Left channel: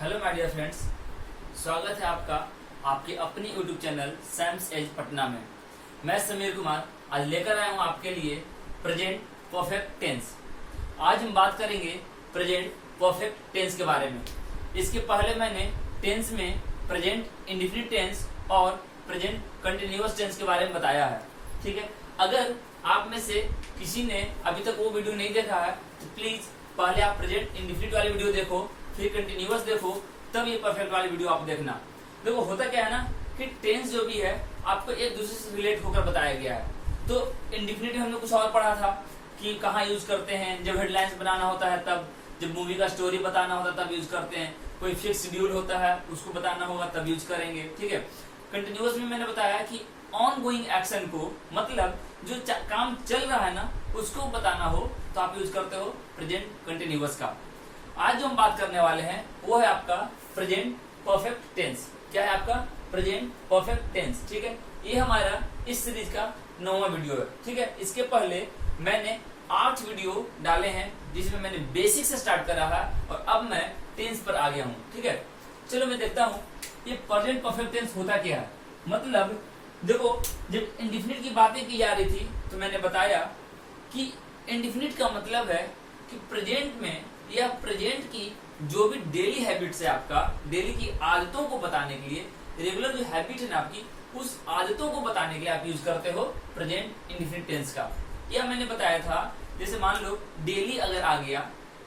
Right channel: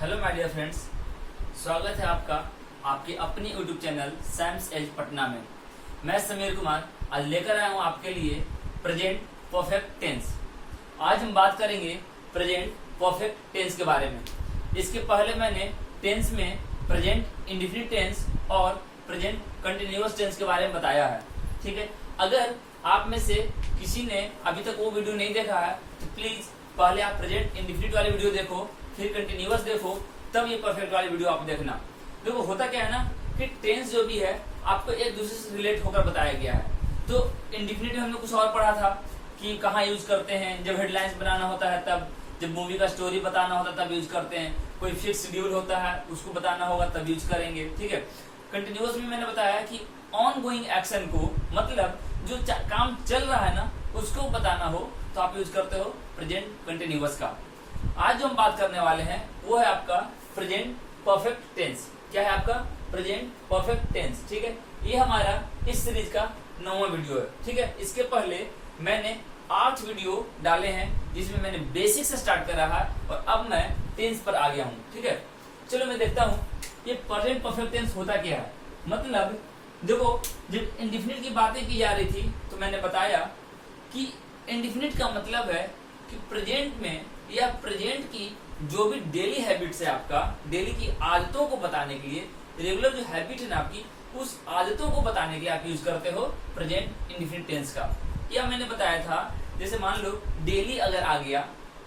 Hello my dear friends, स्वागत है आपका आपके अपनी YouTube channel Sam's edge Patna में। मैं समीर कुमार आज लेकर आया हूं आपके लिए प्रेजेंट परफेक्ट टेंस। आज हम बात करेंगे प्रेजेंट परफेक्ट टेंस के बारे में। इसके पहले मैंने टेंस में प्रेजेंट इंडेफिनिट टेंस और प्रेजेंट कंटिन्यूअस टेंस के बारे में बताया है। ठीक है, अगर आप में से किसी ने अभी तक वो वीडियो नहीं देखा है तो प्लीज पहले आप प्रेजेंट इंडेफिनिट वाली वीडियो देखो, फिर कंटिन्यूअस देखो, तब ये परफेक्ट वाली वीडियो आप देखना। देखो होता क्या है ना कि टेंस जो भी है आपको एक दूसरे से रिलेट होकर बताया गया है। तो इंडेफिनिट हमने कुछ और पढ़ा था कि कहाँ यूज करते हैं, जब हेडलाइंस बनाना होता है तब, जब मूवी का स्टोरी बताना होता है तब यूज करते हैं, कोई फिक्स शेड्यूल होता है उसको बताना होगा तब यूज करेंगे। ठीक है, कंटिन्यूअस में मैंने बताया कि ऑन गोइंग एक्शन को, मतलब जो काम चल रहा है ना उसको बताना हो तो आप यूज करते हो प्रेजेंट कंटिन्यूअस का। आज जो हम बात करने वाले हैं वो है आपका प्रेजेंट परफेक्ट टेंस। क्या है आपका? Present perfect tense. ठीक है, ये हमारा इस सीरीज का 9वां वीडियो है। ठीक है, इसके पहले मैंने 8 वीडियो डाले हैं जिसमें मैंने बेसिक से स्टार्ट करा है और अब मैं टेंस पर आ गया हूँ। ठीक है, चलो मैं देखता हूँ ये प्रेजेंट परफेक्ट टेंस होता क्या है। मतलब देखो, जब इंडेफिनिट की बातें की जा रही थी तो मैंने बताया कि इंडेफिनिट का मतलब है कि प्रेजेंट में या प्रेजेंट की जो भी डेली हैबिट्स है, आपका डेली की आदतों को बताने के लिए, रेगुलर जो हैबिट है ना आपकी, उस आदतों को बताने के लिए आप यूज करते हो प्रेजेंट इंडेफिनिट टेंस का। या मैंने बताया था जैसे मान लो डेली अगर आ गया,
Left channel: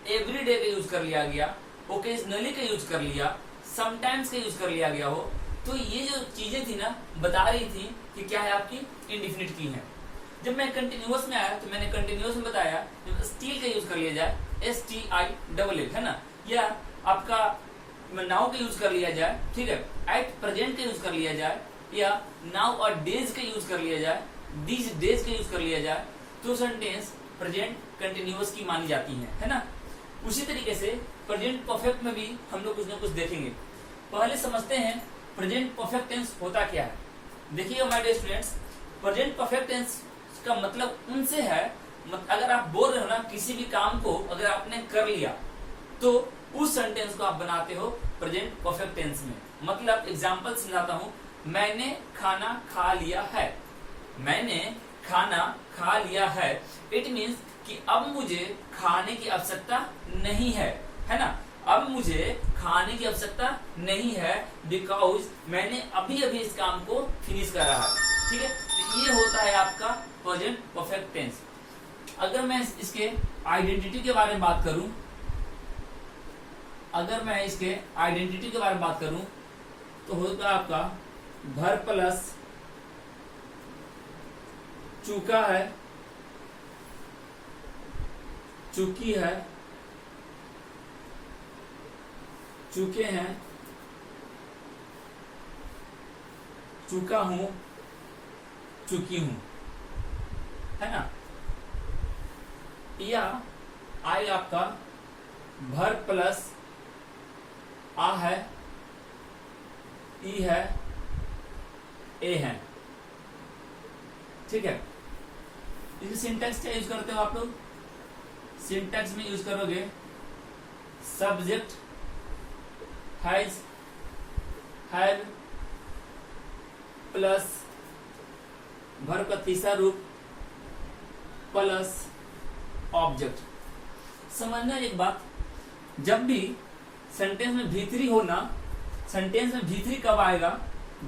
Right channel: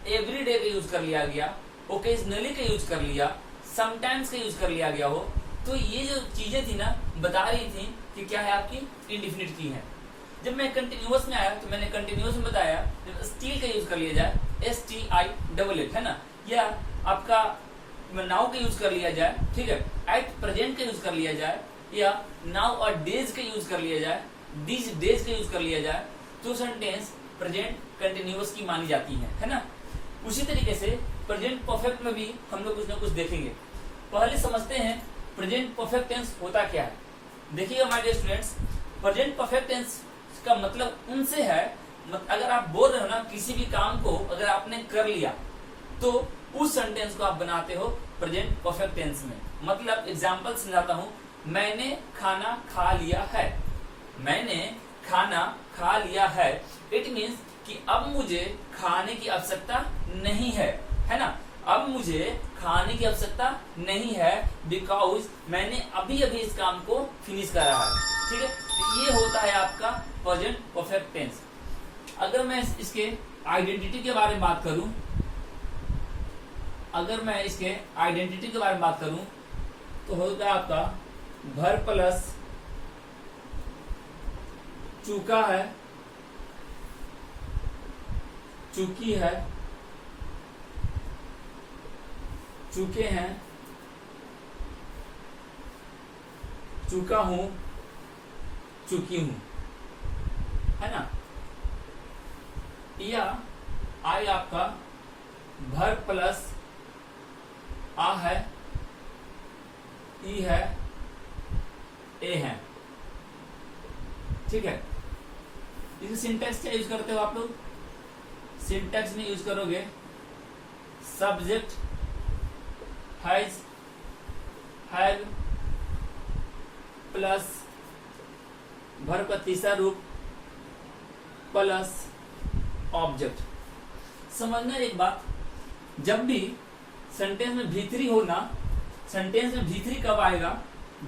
एवरी डे का यूज कर लिया गया, ओकेजनली का यूज कर लिया, समटाइम्स का यूज कर लिया गया हो, तो ये जो चीजें थी ना बता रही थी कि क्या है आपकी इंडेफिनिट की है। जब मैं कंटिन्यूअस में आया तो मैंने कंटिन्यूअस में बताया जब स्टील का यूज कर लिया जाए, STILL है ना, या आपका नाउ का यूज कर लिया जाए, ठीक है, एट प्रेजेंट का यूज कर लिया जाए, या नाउ और डेज का यूज कर लिया जाए, दीज डेज का यूज कर लिया जाए, तो सेंटेंस प्रेजेंट कंटिन्यूअस की मानी जाती है ना। उसी तरीके से प्रेजेंट परफेक्ट में भी हम लोग कुछ ना कुछ देखेंगे। पहले समझते हैं प्रेजेंट परफेक्ट टेंस होता क्या है। देखिए my dear students, present perfect tense का मतलब उनसे है, अगर आप बोल रहे हो ना किसी भी काम को अगर आपने कर लिया तो उस सेंटेंस को आप बनाते हो प्रेजेंट परफेक्ट टेंस में। मतलब एग्जांपल समझाता हूं, मैंने खाना खा लिया है। मैंने खाना खा लिया है, इट मीन्स कि अब मुझे खाने की आवश्यकता नहीं है ना। अब मुझे खाने की आवश्यकता नहीं है बिकॉज मैंने अभी अभी इस काम को फिनिश करा है। ठीक है, तो ये होता है आपका प्रेजेंट परफेक्ट टेंस। अगर मैं इसके आइडेंटिटी के बारे में बात करूं, अगर मैं इसके आइडेंटिटी के बारे में बात करूं तो होता है आपका भर प्लस चूका है, चूकी है, चूके हैं, चूका हूं, चुकी हूं, है ना। या आई आपका भर प्लस आ है, ई है, ए है। ठीक है, इस सिंटैक्स क्या यूज करते हो आप लोग? सिंटैक्स में यूज करोगे subject has, have plus verb का तीसरा रूप प्लस ऑब्जेक्ट। समझना एक बात, जब भी सेंटेंस में भीतरी हो ना, सेंटेंस में भीतरी कब आएगा?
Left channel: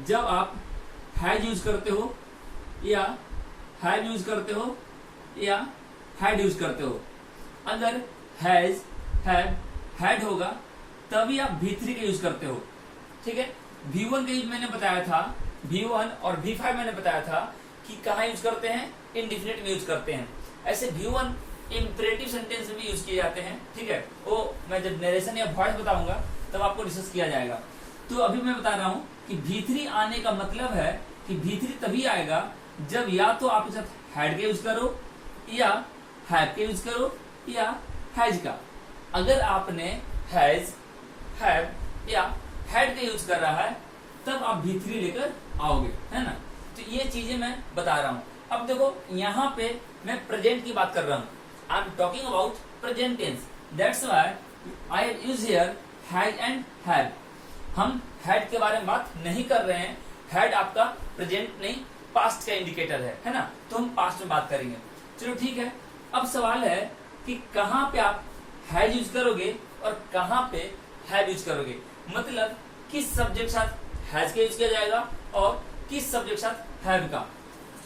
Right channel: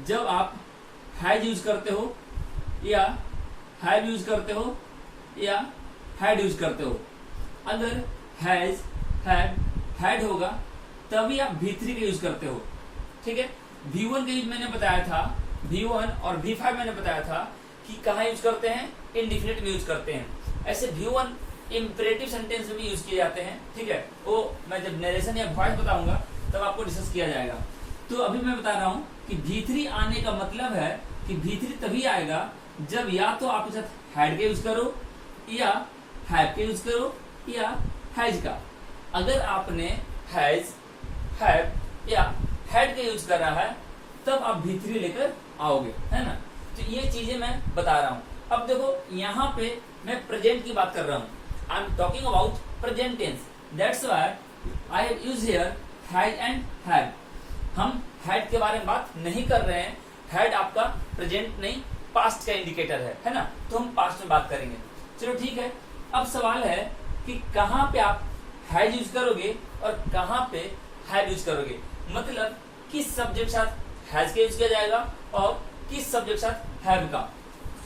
जब आप हैज यूज करते हो या हैव यूज करते हो या हैड यूज करते हो। अगर हैज, हैव, हैड होगा तभी आप भीतरी का यूज करते हो। ठीक है, V1 का यूज मैंने बताया था, V1 और V5 मैंने बताया था कि कहाँ यूज करते हैं? इंडेफिनिट में यूज करते हैं। ऐसे V1 इंपरेटिव सेंटेंस में भी यूज किए जाते हैं। ठीक है, वो मैं जब नरेशन या वॉइस बताऊंगा तब आपको डिस्कस किया जाएगा। तो अभी मैं बता रहा हूँ कि भीतरी आने का मतलब है कि भीतरी तभी आएगा जब या तो आप इसके साथ हैड का यूज करो, या हैव का यूज करो, या हैज का। अगर आपने हैज, हैव या हैड का यूज कर रहा है तब आप भीतरी लेकर आओगे, है ना। तो ये चीजें मैं बता रहा हूँ। अब देखो यहाँ पे मैं प्रेजेंट की बात कर रहा हूँ, I am talking about present tense, that's why I have used here has and have. हम हैड के बारे में बात नहीं कर रहे हैं, हैड आपका प्रेजेंट नहीं पास्ट का इंडिकेटर है ना, तो हम पास्ट में बात करेंगे। चलो ठीक है, अब सवाल है कि कहां पे आप हैज यूज करोगे और कहां पे हैव यूज करोगे, मतलब किस सब्जेक्ट के साथ हैज का यूज किया जाएगा और किस सब्जेक्ट के साथ हैव का।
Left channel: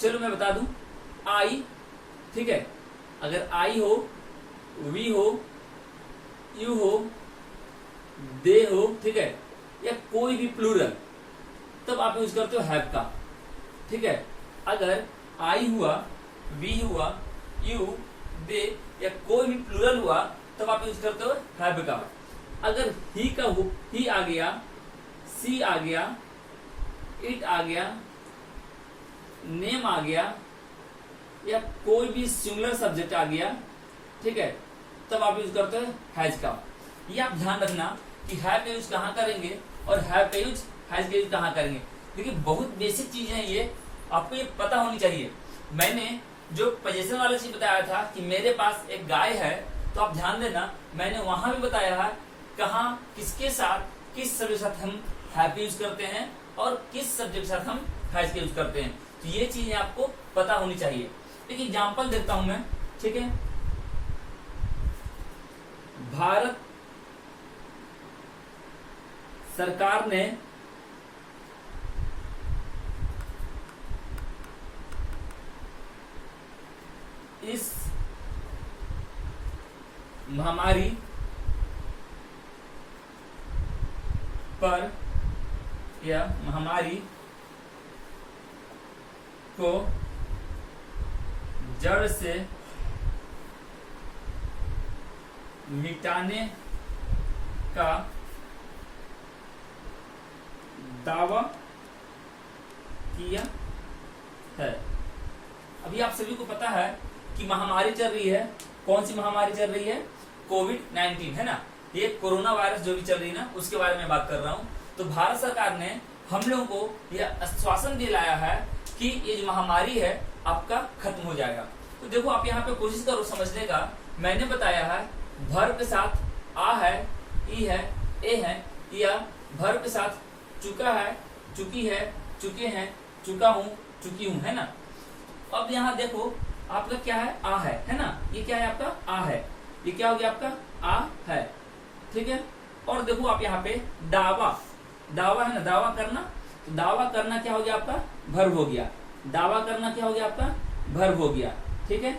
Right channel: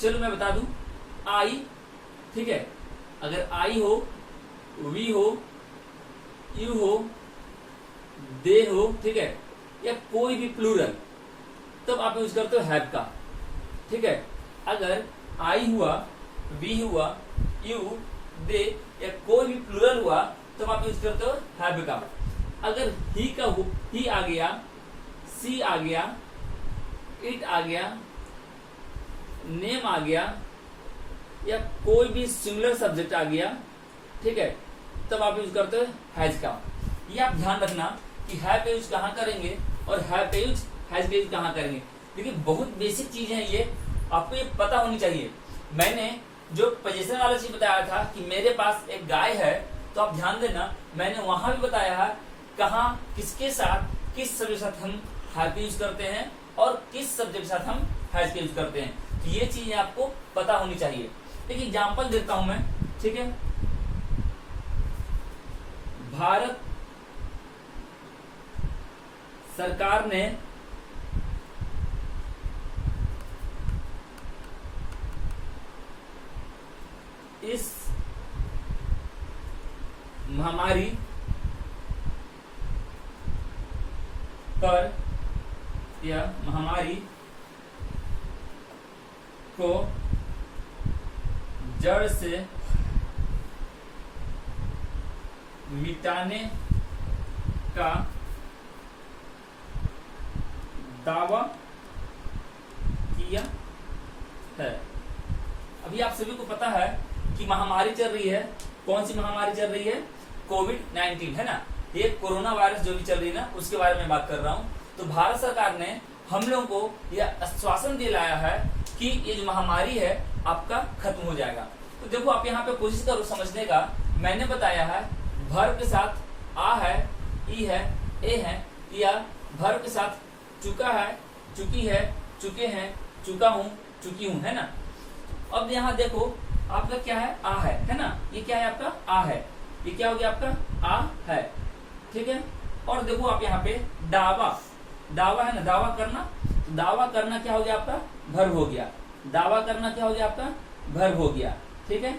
चलो मैं बता दूं, आई, ठीक है, अगर आई हो, वी हो, यू हो, दे हो, ठीक है, या कोई भी प्लूरल, तब आप यूज करते हो हैव का, ठीक है। अगर आई हुआ, वी हुआ, यू, दे या कोई भी प्लूरल हुआ तब आप यूज करते हो हैव का। अगर ही का हो, ही आ गया, सी आ गया, इट आ गया, नेम आ गया या कोई भी सिंगुलर सब्जेक्ट आ गया, ठीक है, तब आप यूज करते हो हैज का। ये आप ध्यान रखना कि हैव का यूज कहां करेंगे और हैव का यूज हैज का यूज कहां करेंगे। देखिए बहुत बेसिक चीज है ये, आपको ये पता होनी चाहिए। मैंने जो पोजीशन वाला चीज बताया था कि मेरे पास एक गाय है, तो आप ध्यान देना मैंने वहां भी बताया है कहां किसके साथ किस सब्जेक्ट के साथ हम हैव यूज करते हैं और किस सब्जेक्ट के साथ हम हैज का यूज करते हैं। तो ये चीजें आपको पता होनी चाहिए। देखिए एग्जाम्पल देता हूं मैं, ठीक है। भारत सरकार ने इस महामारी पर या महामारी को जड़ से मिटाने का दावा किया है। अभी आप सभी को पता है कि महामारी चल रही है। कौन सी महामारी चल रही है? कोविड-19 है ना, ये कोरोना वायरस जो भी चल रही है ना, उसके बारे में बात कर रहा हूं। तो भारत सरकार ने हम लोगों को यह आश्वासन दिलाया है कि ये जो महामारी है आपका खत्म हो जाएगा। तो देखो आप यहाँ पे कोशिश करो समझने का। मैंने बताया है वर्ब के साथ आ है, ई है, ए है, या वर्ब के साथ चुका है, चुकी है, चुके हैं, चुका हूं, चुकी हूं, है ना। अब यहाँ देखो आपका क्या है? आ है ना। ये क्या है आपका? आ है। ये क्या हो गया आपका? आ है, ठीक है। और देखो आप यहाँ पे दावा, दावा है ना, दावा करना। तो दावा करना क्या हो गया आपका? वर्ब हो गया। दावा करना क्या हो गया आपका? वर्ब हो गया, ठीक है।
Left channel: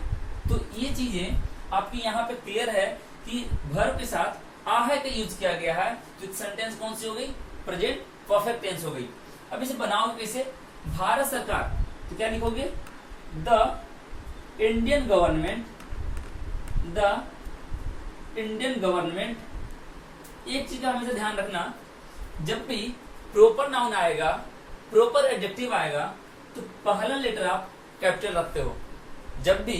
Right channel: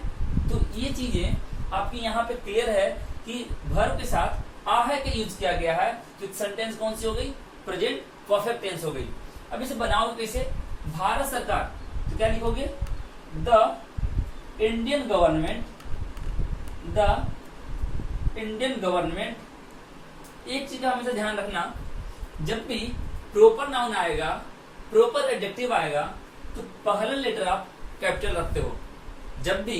तो ये चीजें आपकी यहाँ पे क्लियर है कि वर्ब के साथ आ है का यूज किया गया है। तो सेंटेंस कौन सी हो गई? प्रेजेंट परफेक्ट टेंस हो गई। अब इसे बनाओ कैसे? भारत सरकार, तो क्या लिखोगे? The Indian government, the Indian government. एक चीज का हमेशा ध्यान रखना, जब भी प्रॉपर नाउन आएगा, प्रॉपर एडजेक्टिव आएगा, तो पहला लेटर आप कैपिटल रखते हो। जब भी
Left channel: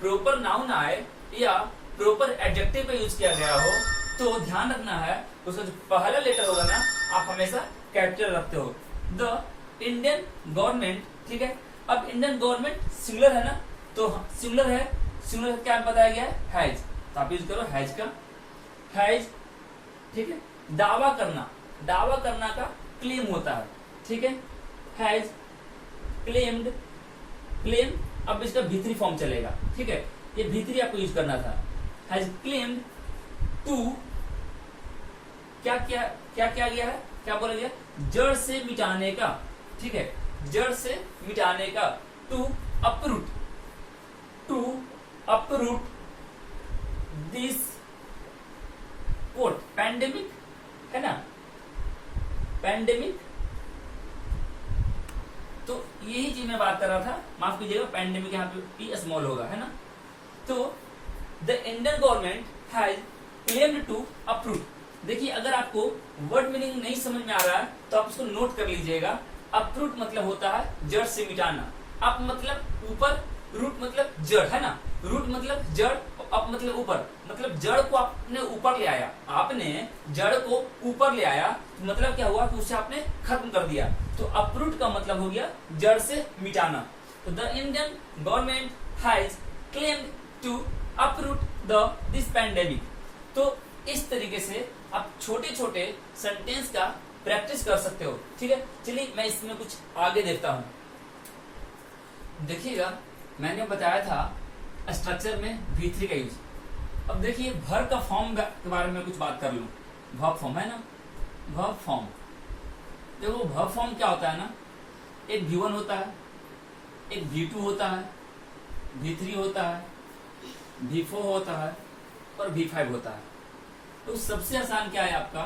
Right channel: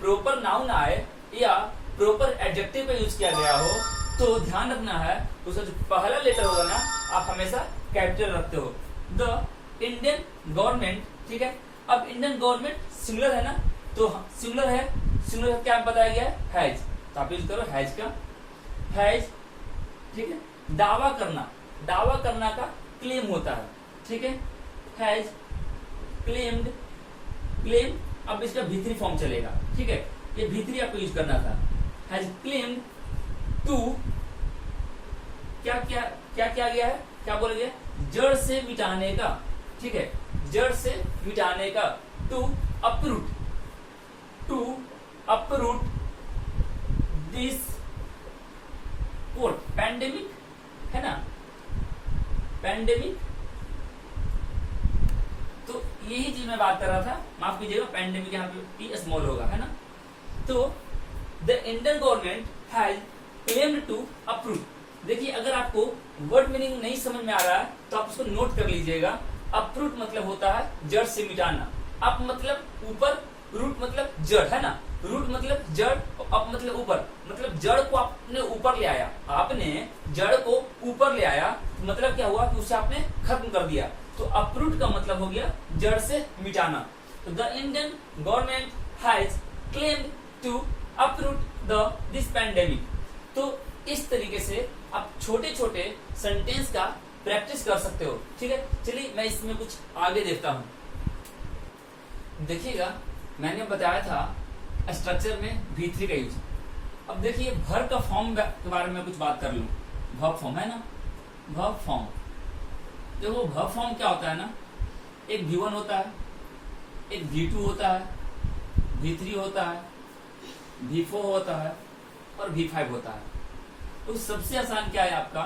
प्रॉपर नाउन आए या प्रॉपर एडजेक्टिव का यूज किया गया हो, तो ध्यान रखना है उसका जो पहला लेटर होगा ना, आप हमेशा कैपिटल रखते हो। द इंडियन गवर्नमेंट, ठीक है। अब इंडियन गवर्नमेंट सिंगुलर है ना, तो सिंगुलर है, सिंगुलर क्या बताया गया है? हैज। तो आप यूज करो हैज का, हैज, ठीक है। दावा करना, दावा करना का क्लेम होता है, ठीक है। Has claimed, claim. अब इसका भीतरी फॉर्म चलेगा, ठीक है। ये भीतरी आपको यूज करना था। हैज क्लेम्ड टू, क्या क्या क्या क्या गया है? क्या बोला गया? जड़ से मिटाने का, ठीक है। जड़ से मिटाने का। To uproot, to uproot this quote, pandemic है ना, पैंडेमिक। तो यही चीज मैं बात कर रहा था, माफ कीजिएगा, पैंडेमिक यहाँ पे पी स्मॉल होगा, है ना। तो the Indian government has claimed to approve. देखिए अगर आपको वर्ड मीनिंग नहीं समझ में आ रहा है तो आप उसको नोट कर लीजिएगा। अप्रूट मतलब होता है जड़ से मिटाना। अप मतलब ऊपर, रूट मतलब जड़, है ना। रूट मतलब जड़, अप मतलब ऊपर, मतलब जड़ को आपने ऊपर ले आया। आपने जड़ को ऊपर ले आया, तो मतलब क्या हुआ कि उसे आपने खत्म कर दिया। तो अपरूट का मतलब हो गया जड़ से मिटाना। तो the Indian government has claimed to uproot this pandemic. तो इस तरीके से आप छोटे छोटे सेंटेंस का प्रैक्टिस कर सकते हो। ठीक है, चलिए मैं इसमें कुछ आगे देखता हूं। देखिएगा, मैंने बताया था स्ट्रक्चर में V3 का यूज। अब देखिए वर्ब का फॉर्म के बारे में कुछ बात कर लूं। वर्ब फॉर्म है ना, वर्ब फॉर्म। देखो वर्ब फॉर्म क्या होता है ना, एक V1 होता है, एक V2 होता है, V3 होता है, V4 होता है और V5 होता है। तो सबसे आसान क्या है आपका,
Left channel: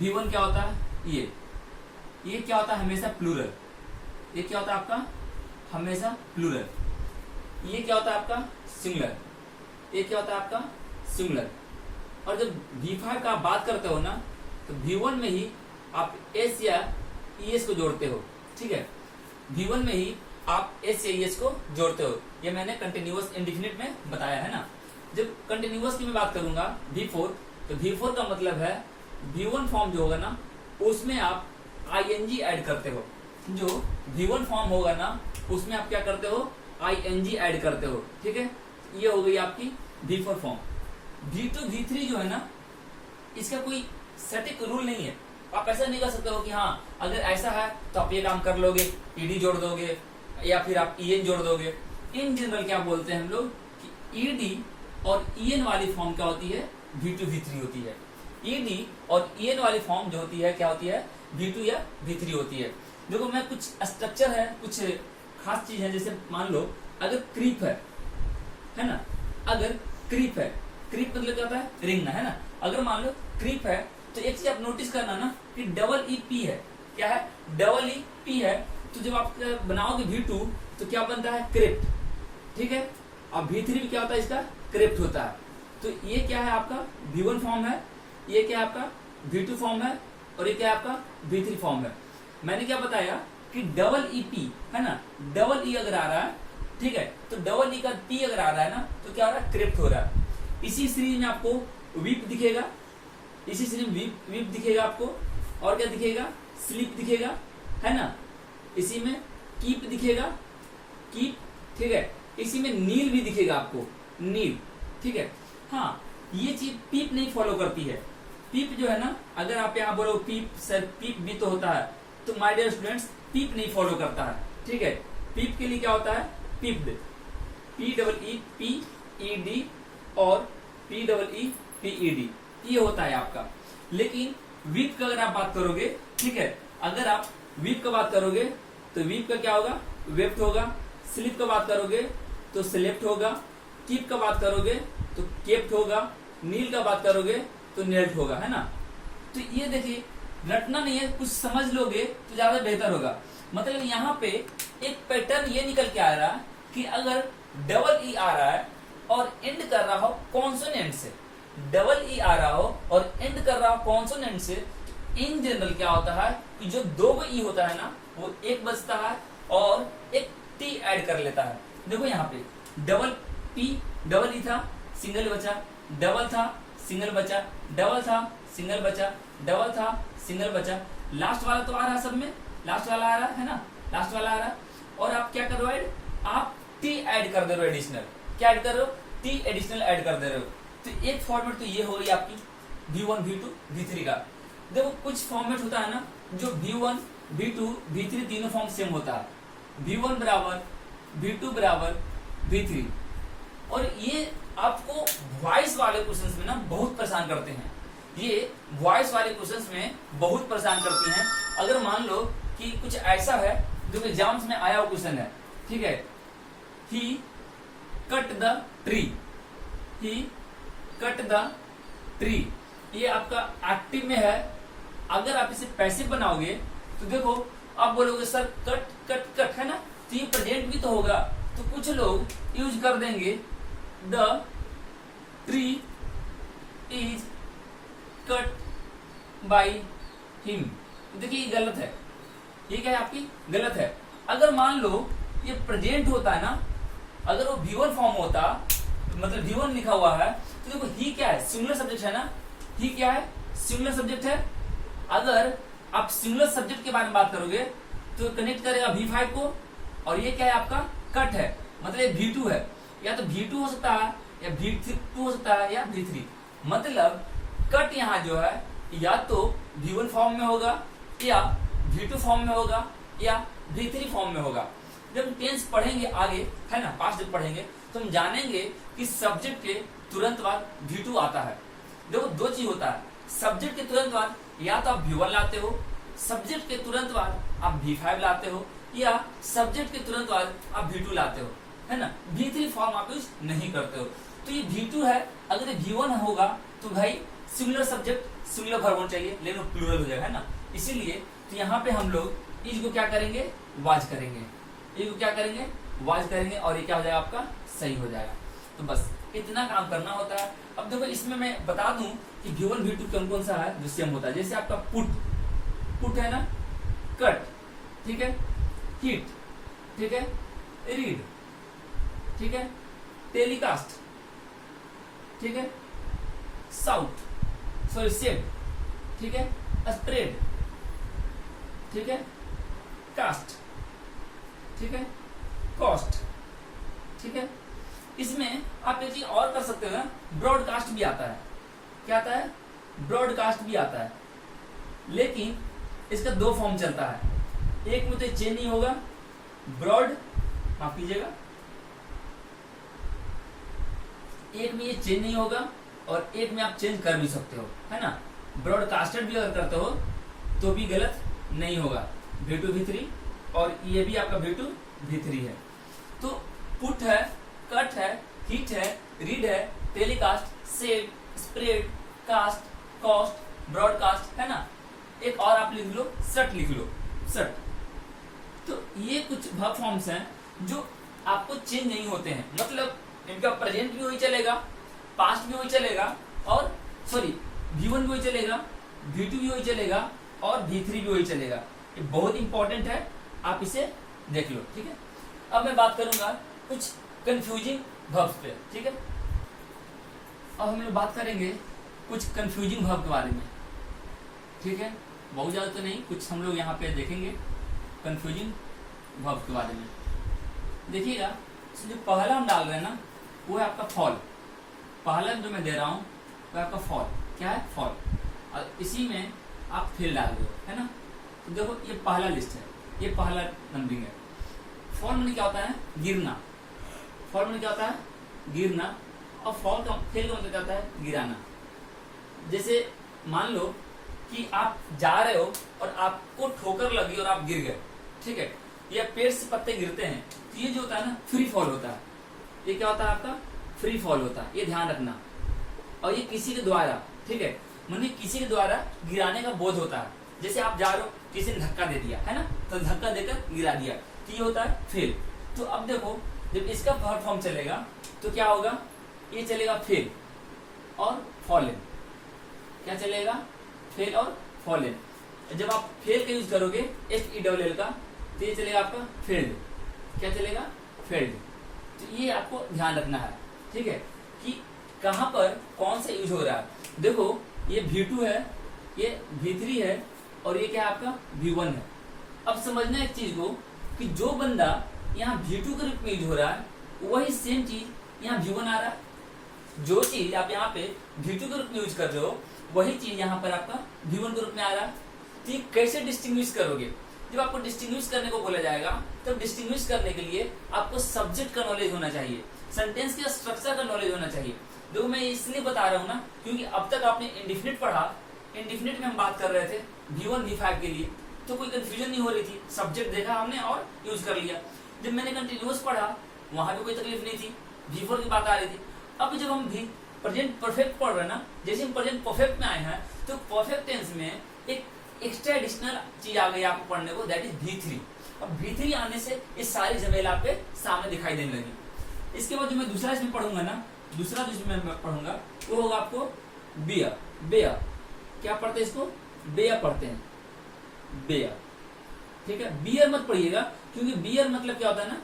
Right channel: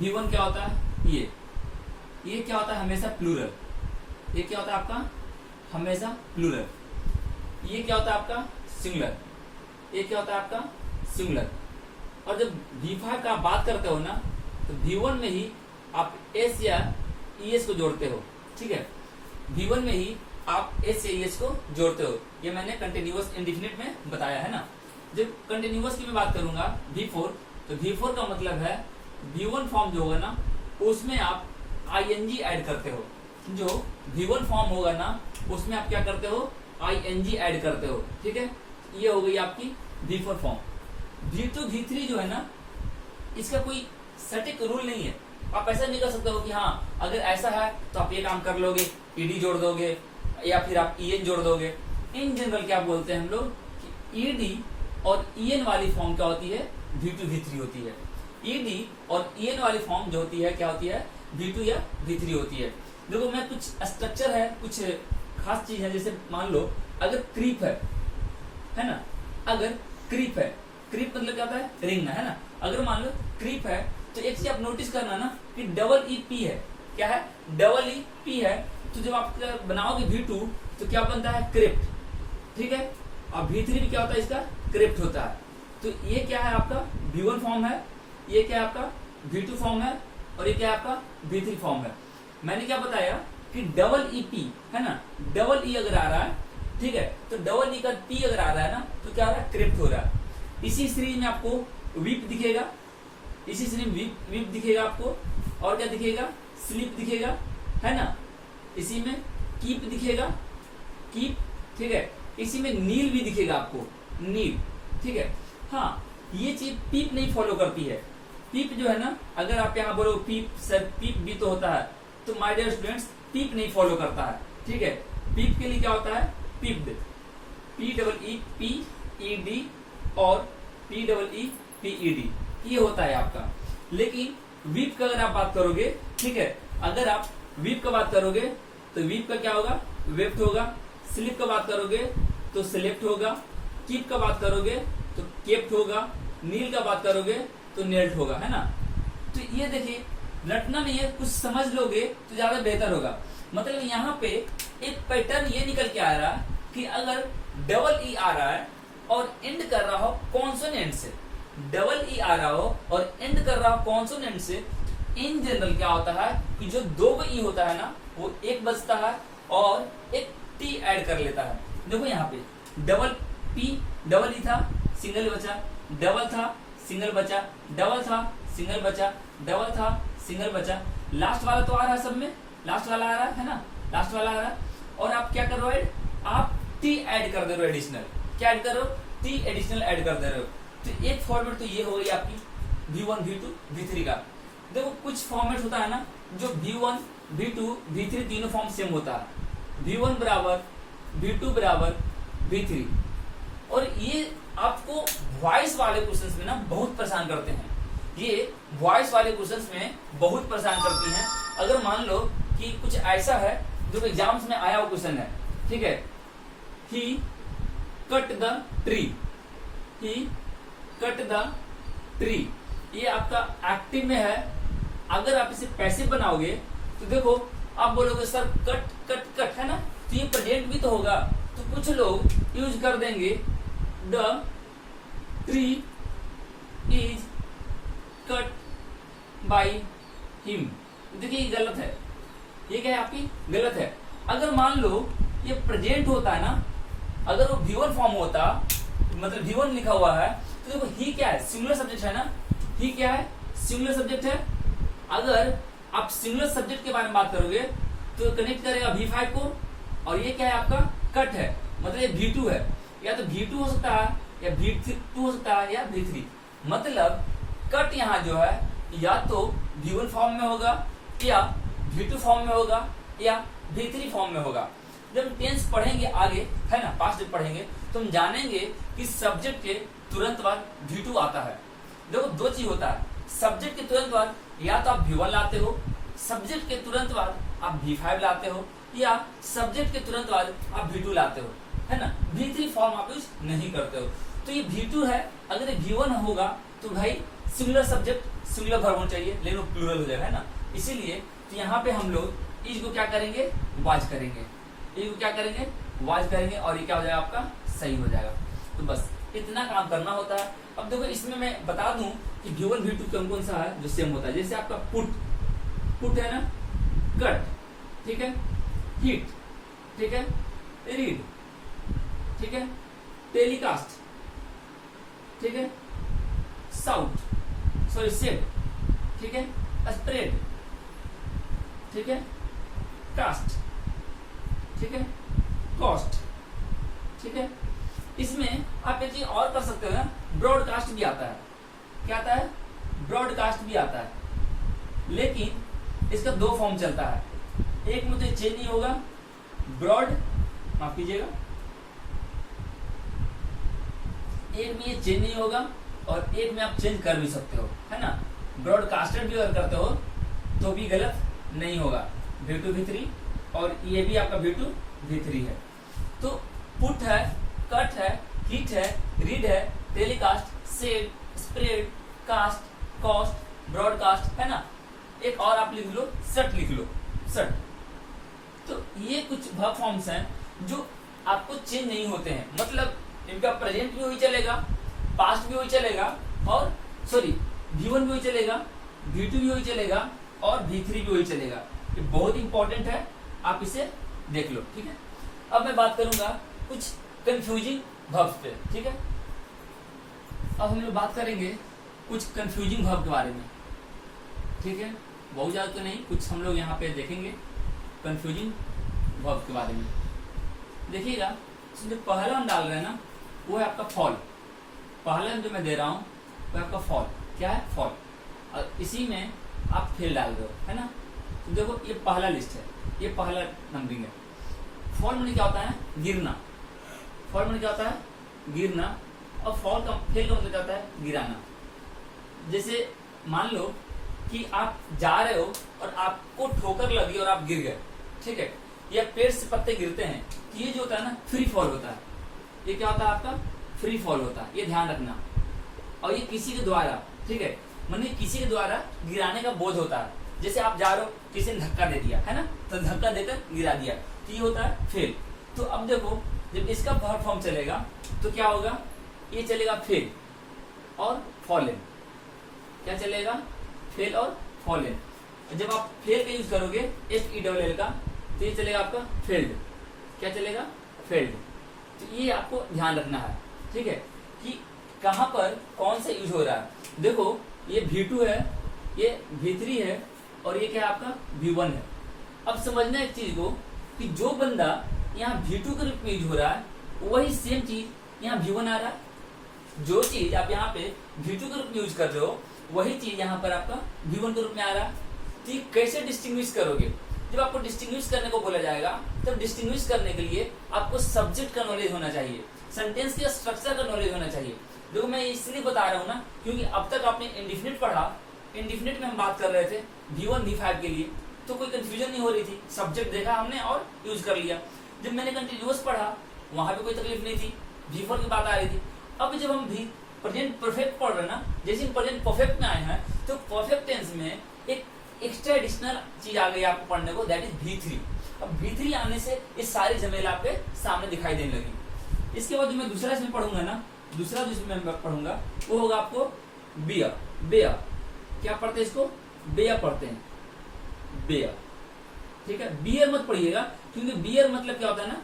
V1 क्या होता है, ये क्या होता है, हमेशा प्लूरल। ये क्या होता है आपका, हमेशा प्लूरल। ये क्या होता है आपका, सिंगुलर। ये क्या होता है आपका, सिंगुलर। और जब V5 का आप बात करते हो ना, तो V1 में ही आप S या ES को जोड़ते हो। ठीक है, V1 में ही आप S या ES को जोड़ते हो। ये मैंने कंटिन्यूअस इंडेफिनिट में बताया है ना। जब कंटिन्यूअस की मैं बात करूंगा V4, तो V4 का मतलब है V1 फॉर्म जो होगा ना, उसमें आप ING ऐड करते हो। जो V1 फॉर्म होगा ना, उसमें आप क्या करते हो, ING ऐड करते हो। ठीक है, ये हो गई आपकी V4 फॉर्म। V2 V3 जो है ना, इसका कोई सटीक रूल नहीं है। आप ऐसा नहीं कर सकते हो कि हाँ अगर ऐसा है तो आप ये काम कर लोगे, ED जोड़ दोगे या फिर आप EN जोड़ दोगे। इन जनरल क्या बोलते हैं हम लोग कि ED और EN वाली फॉर्म क्या होती है, V2 V3 होती है। ED और EN वाली फॉर्म जो होती है क्या होती है, V2 या V3 होती है। देखो मैं कुछ स्ट्रक्चर है, कुछ खास चीज है। जैसे मान लो अगर क्रीप है ना, अगर क्रीप है, क्रीप मतलब क्या होता है, रेंगना, है ना। अगर मान लो क्रीप है, तो एक चीज आप नोटिस करना ना कि डबल EP है। क्या है, डबल EP है। तो जब आप बनाओगे V2 तो क्या बनता है, क्रिप्ट। ठीक है, और V3 भी क्या होता है, इसका क्रिप्ट होता है। तो ये क्या है आपका V1 फॉर्म है, ये क्या है आपका V2 फॉर्म है, और ये क्या है आपका V3 फॉर्म है। मैंने क्या बताया कि डबल EP है ना, डबल E अगर आ रहा है, ठीक है, तो डबल E का P अगर आ रहा है ना, तो क्या हो रहा है, क्रिप्ट हो रहा है। इसी सीरीज में आपको वीप दिखेगा, इसी सीरीज में वीप दिखेगा आपको, और क्या दिखेगा, स्लीप दिखेगा, है ना। इसी में कीप दिखेगा, कीप। ठीक है, इसी में नील भी दिखेगा आपको, नील। ठीक है, हाँ ये चीज पीप नहीं फॉलो करती है। पीप जो है ना, अगर आप यहाँ बोलो पीप, सर पीप भी तो होता है, तो माय डियर स्टूडेंट्स पीप नहीं फॉलो करता है। ठीक है, पीप के लिए क्या होता है, पीप्ड, PEEPED और PEEPED, ये होता है आपका। लेकिन वीप का अगर आप बात करोगे, ठीक है, अगर आप वीप का बात करोगे तो वीप का क्या होगा, वेप्ट होगा। स्लिप का बात करोगे तो स्लेप्ट होगा। कीप का बात करोगे तो केप्ट होगा। नील का बात करोगे तो नेल्ट होगा, है ना। तो ये देखिए, रटना नहीं है, कुछ समझ लोगे तो ज्यादा बेहतर होगा। मतलब यहाँ पे एक पैटर्न ये निकल के आ रहा कि अगर डबल E आ रहा है और एंड कर रहा हो कॉन्सोनेंट से, डबल E आ रहा हो और एंड कर रहा हो कॉन्सोनेंट से, इन जनरल क्या होता है कि जो दो E होता है ना, वो एक बचता है और एक T ऐड कर लेता है। देखो यहाँ पे डबल P, डबल E था, सिंगल बचा, डबल था, सिंगल बचा, डबल था, सिंगल बचा, डबल था, सिंगल बचा। लास्ट वाला तो आ रहा है सब में, लास्ट वाला आ रहा है ना, लास्ट वाला आ रहा है। और आप क्या कर रहे हो, आप T ऐड कर दे रहे हो, एडिशनल। क्या ऐड कर रहे हो, T एडिशनल ऐड कर दे रहे हो। तो एक फॉर्मेट तो ये हो गई आपकी V1 V2 V3 का। देखो कुछ फॉर्मेट होता है ना, जो V1 V2 V3 तीनों फॉर्म सेम होता है, V1 बराबर V2 बराबर V3। और ये आपको वॉइस वाले क्वेश्चंस में ना बहुत परेशान करते हैं। ये वॉइस वाले क्वेश्चंस में बहुत परेशान करती हैं। अगर मान लो कि कुछ ऐसा है जो एग्जाम्स में आया हुआ क्वेश्चन है, ठीक है, he cut the tree, he cut the tree, ये आपका एक्टिव में है। अगर आप इसे पैसिव बनाओगे तो देखो आप बोलोगे सर कट कट कट, है ना, तो ये प्रेजेंट भी तो होगा। तो कुछ लोग यूज कर देंगे the tree is cut by him. देखिए ये गलत है, ये क्या है आपकी गलत है। अगर मान लो ये प्रेजेंट होता है ना, अगर वो V1 फॉर्म होता, मतलब V1 लिखा हुआ है, तो देखो ही क्या है, सिंगुलर सब्जेक्ट है ना, ही क्या है, सिंगुलर सब्जेक्ट है। अगर आप सिंगुलर सब्जेक्ट के बारे में बात करोगे तो कनेक्ट करेगा V5 को, और ये क्या है आपका कट है, मतलब ये V2 है। या तो V2 हो सकता है, या V2 हो सकता है, या V3। मतलब कट यहाँ जो है या तो V1 फॉर्म में होगा या V2 फॉर्म में होगा या V3 फॉर्म में होगा। जब हम टेंस पढ़ेंगे आगे, है ना, पास्ट जब पढ़ेंगे तो हम जानेंगे कि सब्जेक्ट के तुरंत बाद V2 आता है। देखो दो चीज होता है, सब्जेक्ट के तुरंत बाद या तो आप V1 लाते हो, सब्जेक्ट के तुरंत बाद आप V5 लाते हो, या सब्जेक्ट के तुरंत बाद आप V2 लाते हो, है ना। V3 फॉर्म आप यूज नहीं करते हो। तो ये V2 है, अगर ये V1 होगा तो भाई सिंगुलर सब्जेक्ट सिंगुलर वर्ब होना चाहिए, लेकिन वो प्लूरल हो जाएगा, है ना। इसीलिए तो यहाँ पे हम लोग इज को क्या करेंगे, वाज करेंगे, इज को क्या करेंगे, वाज करेंगे, और ये क्या हो जाएगा आपका, सही हो जाएगा। तो बस इतना काम करना होता है। अब देखो इसमें मैं बता दूं कि V1 V2 कौन कौन सा है जो सेम होता है। जैसे आपका पुट है ना, कट, ठीक है, हिट, ठीक है, रीड, ठीक है, टेलीकास्ट, ठीक है, साउट, सॉरी सेव, ठीक है, स्प्रेड, ठीक है, कास्ट, ठीक है, कॉस्ट, ठीक है। इसमें आप एक चीज और कर सकते हो ना, ब्रॉडकास्ट भी आता है। क्या आता है, ब्रॉडकास्ट भी आता है, लेकिन इसका दो फॉर्म चलता है। एक में तो चेंज नहीं होगा, ब्रॉड, माफ कीजिएगा, एक में ये चेंज नहीं होगा और एक में आप चेंज कर भी सकते हो, है ना। ब्रॉडकास्टेड भी अगर करते हो तो भी गलत नहीं होगा, V2 V3, और ये भी आपका V2 V3 है। तो पुट है, कट है, हिट है, रीड है, telecast, save, spread, cast, cost, broadcast, है ना। एक और आप लिख लो, सट लिख लो, सट। तो ये कुछ वर्ब फॉर्म्स हैं जो आपको चेंज नहीं होते हैं, मतलब इनका प्रेजेंट भी वही चलेगा, पास्ट भी वही चलेगा, और सॉरी V1 भी वही चलेगा, V2 भी वही चलेगा, और V3 भी वही चलेगा। ये बहुत इंपॉर्टेंट है, आप इसे देख लो, ठीक है। अब मैं बात करूंगा कुछ कंफ्यूजिंग वर्ब्स पे, ठीक है। अब हम लोग बात करेंगे कुछ कंफ्यूजिंग वर्ब के बारे में, ठीक है। बहुत ज्यादा तो नहीं, कुछ हम लोग यहाँ पे देखेंगे कंफ्यूजिंग वर्ब के बारे में। देखिएगा, जो पहला हम डाल रहे हैं ना, वो है आपका फॉल। पहला जो मैं दे रहा हूँ वो आपका फॉल। क्या है, फॉल, और इसी में आप फिल डाल दो, है ना। तो देखो ये पहला लिस्ट है, ये पहला नंबरिंग है। फॉल में क्या होता है, गिरना। फॉल में क्या होता है, गिरना, और फॉल का फेल का मतलब क्या होता है, गिराना। जैसे मान लो कि आप जा रहे हो और आपको ठोकर लगी और आप गिर गए, ठीक है, या पेड़ से पत्ते गिरते हैं, तो ये जो होता है ना, फ्री फॉल होता है। ये क्या होता है आपका, फ्री फॉल होता है, ये ध्यान रखना। और ये किसी के द्वारा, ठीक है, माने किसी के द्वारा गिराने का बोध होता है। जैसे आप जा रहे हो, किसी ने धक्का दे दिया, है ना, तो धक्का देकर गिरा दिया, तो ये होता है फेल। तो अब देखो, जब इसका वर्ब फॉर्म चलेगा तो क्या होगा, ये चलेगा फेल और फॉलन। क्या चलेगा, फेल और फॉलन। जब आप फेल का यूज करोगे FELL का, तो ये चलेगा आपका फेल्ड। क्या चलेगा, फेल्ड। तो ये आपको ध्यान रखना है, ठीक है, कि कहां पर कौन सा यूज हो रहा है। देखो ये V2 है, ये V3 है, और ये क्या है आपका V1 है। अब समझना एक चीज को कि जो बंदा यहाँ V2 के रूप में यूज हो रहा है, वही सेम चीज यहाँ V1 आ रहा है। जो चीज आप यहाँ पे V2 के रूप में यूज कर रहे हो, वही चीज यहाँ पर आपका V1 के रूप में आ रहा है। तो ये कैसे डिस्टिंग्विश करोगे, जब आपको डिस्टिंग्विश करने को बोला जाएगा, तब डिस्टिंग्विश करने के लिए आपको सब्जेक्ट का नॉलेज होना चाहिए, सेंटेंस के स्ट्रक्चर का नॉलेज होना चाहिए। देखो मैं इसलिए बता रहा हूँ ना, क्योंकि अब तक आपने इंडिफिनिट पढ़ा, इंडिफिनिट में हम बात कर रहे थे V1 V5 के लिए, तो कोई कंफ्यूजन नहीं हो रही थी, सब्जेक्ट देखा हमने और यूज कर लिया। जब मैंने कंटिन्यूअस पढ़ा, वहां भी कोई तकलीफ नहीं थी, V4 की बात आ रही थी। अब जब हम भी प्रेजेंट परफेक्ट पढ़ रहे हैं ना, जैसे हम प्रेजेंट परफेक्ट में आए हैं, तो परफेक्ट टेंस में एक एक्स्ट्रा एडिशनल चीज आ गई आपको पढ़ने को, दैट इज V3। अब V3 आने से ये सारी झमेला आपके सामने दिखाई देने लगी। इसके बाद जो मैं दूसरा इसमें पढ़ूंगा ना, दूसरा जिसमें मैं पढ़ूंगा वो होगा आपको बेयर। बेयर क्या पढ़ते हैं, इसको बेयर पढ़ते हैं, बेयर, ठीक है। बियर मत पढ़िएगा, क्योंकि बियर मतलब क्या होता है ना,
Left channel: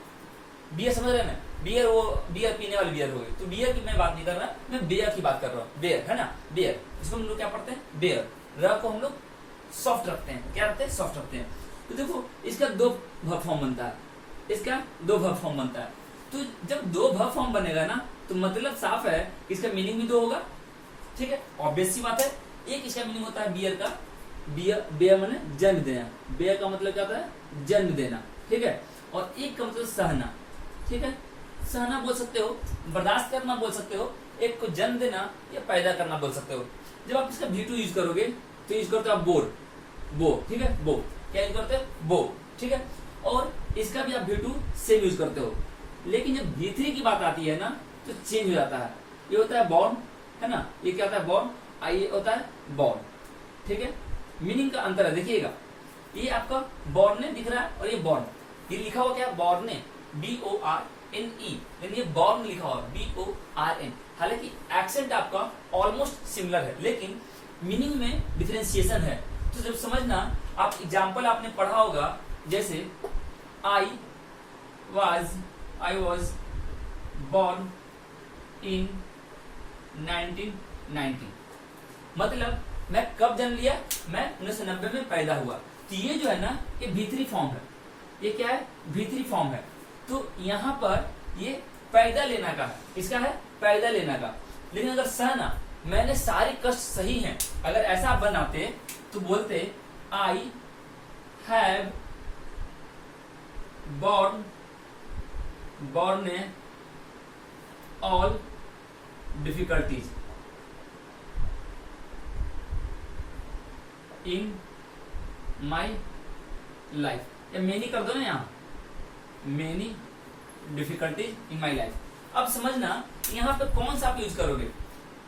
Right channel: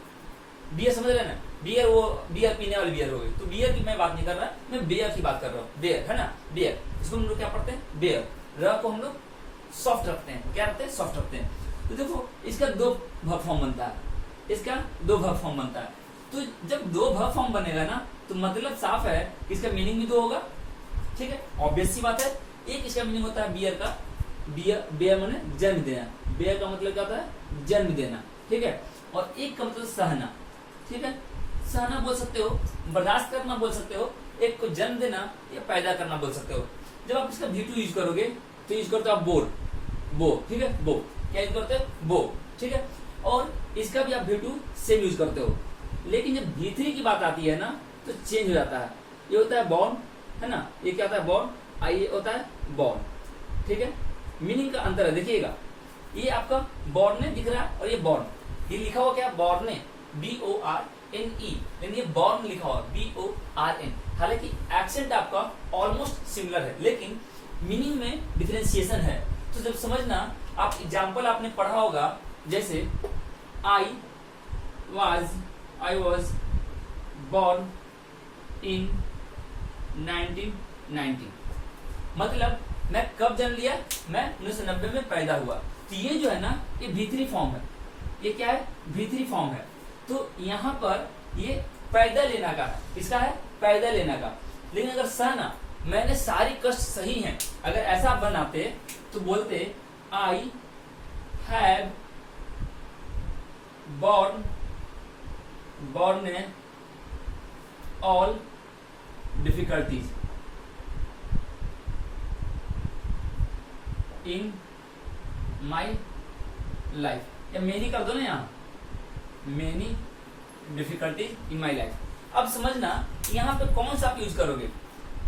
बियर समझ रहे हैं ना, बियर वो बियर पीने वाली बियर हो गई। तो बियर की मैं बात नहीं कर रहा, मैं बेयर की बात कर रहा हूँ। बेयर है ना, बेयर, इसको हम लोग क्या पढ़ते हैं, बेयर। र को हम लोग सॉफ्ट रखते हैं, क्या रखते हैं, सॉफ्ट रखते हैं। तो देखो इसका दो वर्ब फॉर्म बनता है, इसका दो वर्ब फॉर्म बनता है। तो जब दो वर्ब फॉर्म बनेगा ना, तो मतलब साफ है, इसका मीनिंग भी दो होगा, ठीक है, ऑब्वियस सी बात है। एक इसका मीनिंग होता है बियर का, बियर माने जन्म देना, बियर का मतलब क्या होता है, जन्म देना, ठीक है। और एक का मतलब सहना, ठीक है, सहना बोल सकते हो, बर्दाश्त करना बोल सकते हो, एक को जन्म देना या पैदा करना बोल सकते हो। जब आप इसका V2 यूज करोगे तो यूज करते हो आप बोर, बो, ठीक है, बो, क्या यूज करते हो, बो, ठीक है। और इसका भी आप V2 सेम यूज करते हो। लेकिन जब V3 की बात आती है ना तो चेंज हो जाता है। ये होता है बॉर्न, है ना, ये क्या होता है बॉर्न, ये होता है बॉर्न, ठीक है। मीनिंग का अंतर है, देखिएगा, ये आपका बॉर्न दिख रहा है और ये बॉर्न, ये लिखा हुआ क्या, बॉर्न, BORNE, लेकिन ये बॉर्न लिखा हुआ BORN। हालांकि एक्सेंट आपका ऑलमोस्ट सिमिलर है लेकिन मीनिंग में डिफरेंशिएशन है। तो जब समझना, आप एग्जाम्पल आपने पढ़ा होगा, जैसे आई वॉज बॉर्न इन 1990, मतलब मैं कब जन्म लिया, मैं 1990 में पैदा हुआ। तो ये जो है ना, ये V3 फॉर्म है, ये क्या है, V3 फॉर्म है। तो यहाँ पर ये पैदा लेना का है, इसका है पैदा लेना का। लेकिन अगर सहना, मैंने सारी कष्ट सही हैं, अगर ऐसा बनाते तो बोलते I have born all difficulties in my life, या मेनी कर दो ना, यहाँ many difficulties in my life. अब समझना यहाँ पे कौन सा आप यूज करोगे,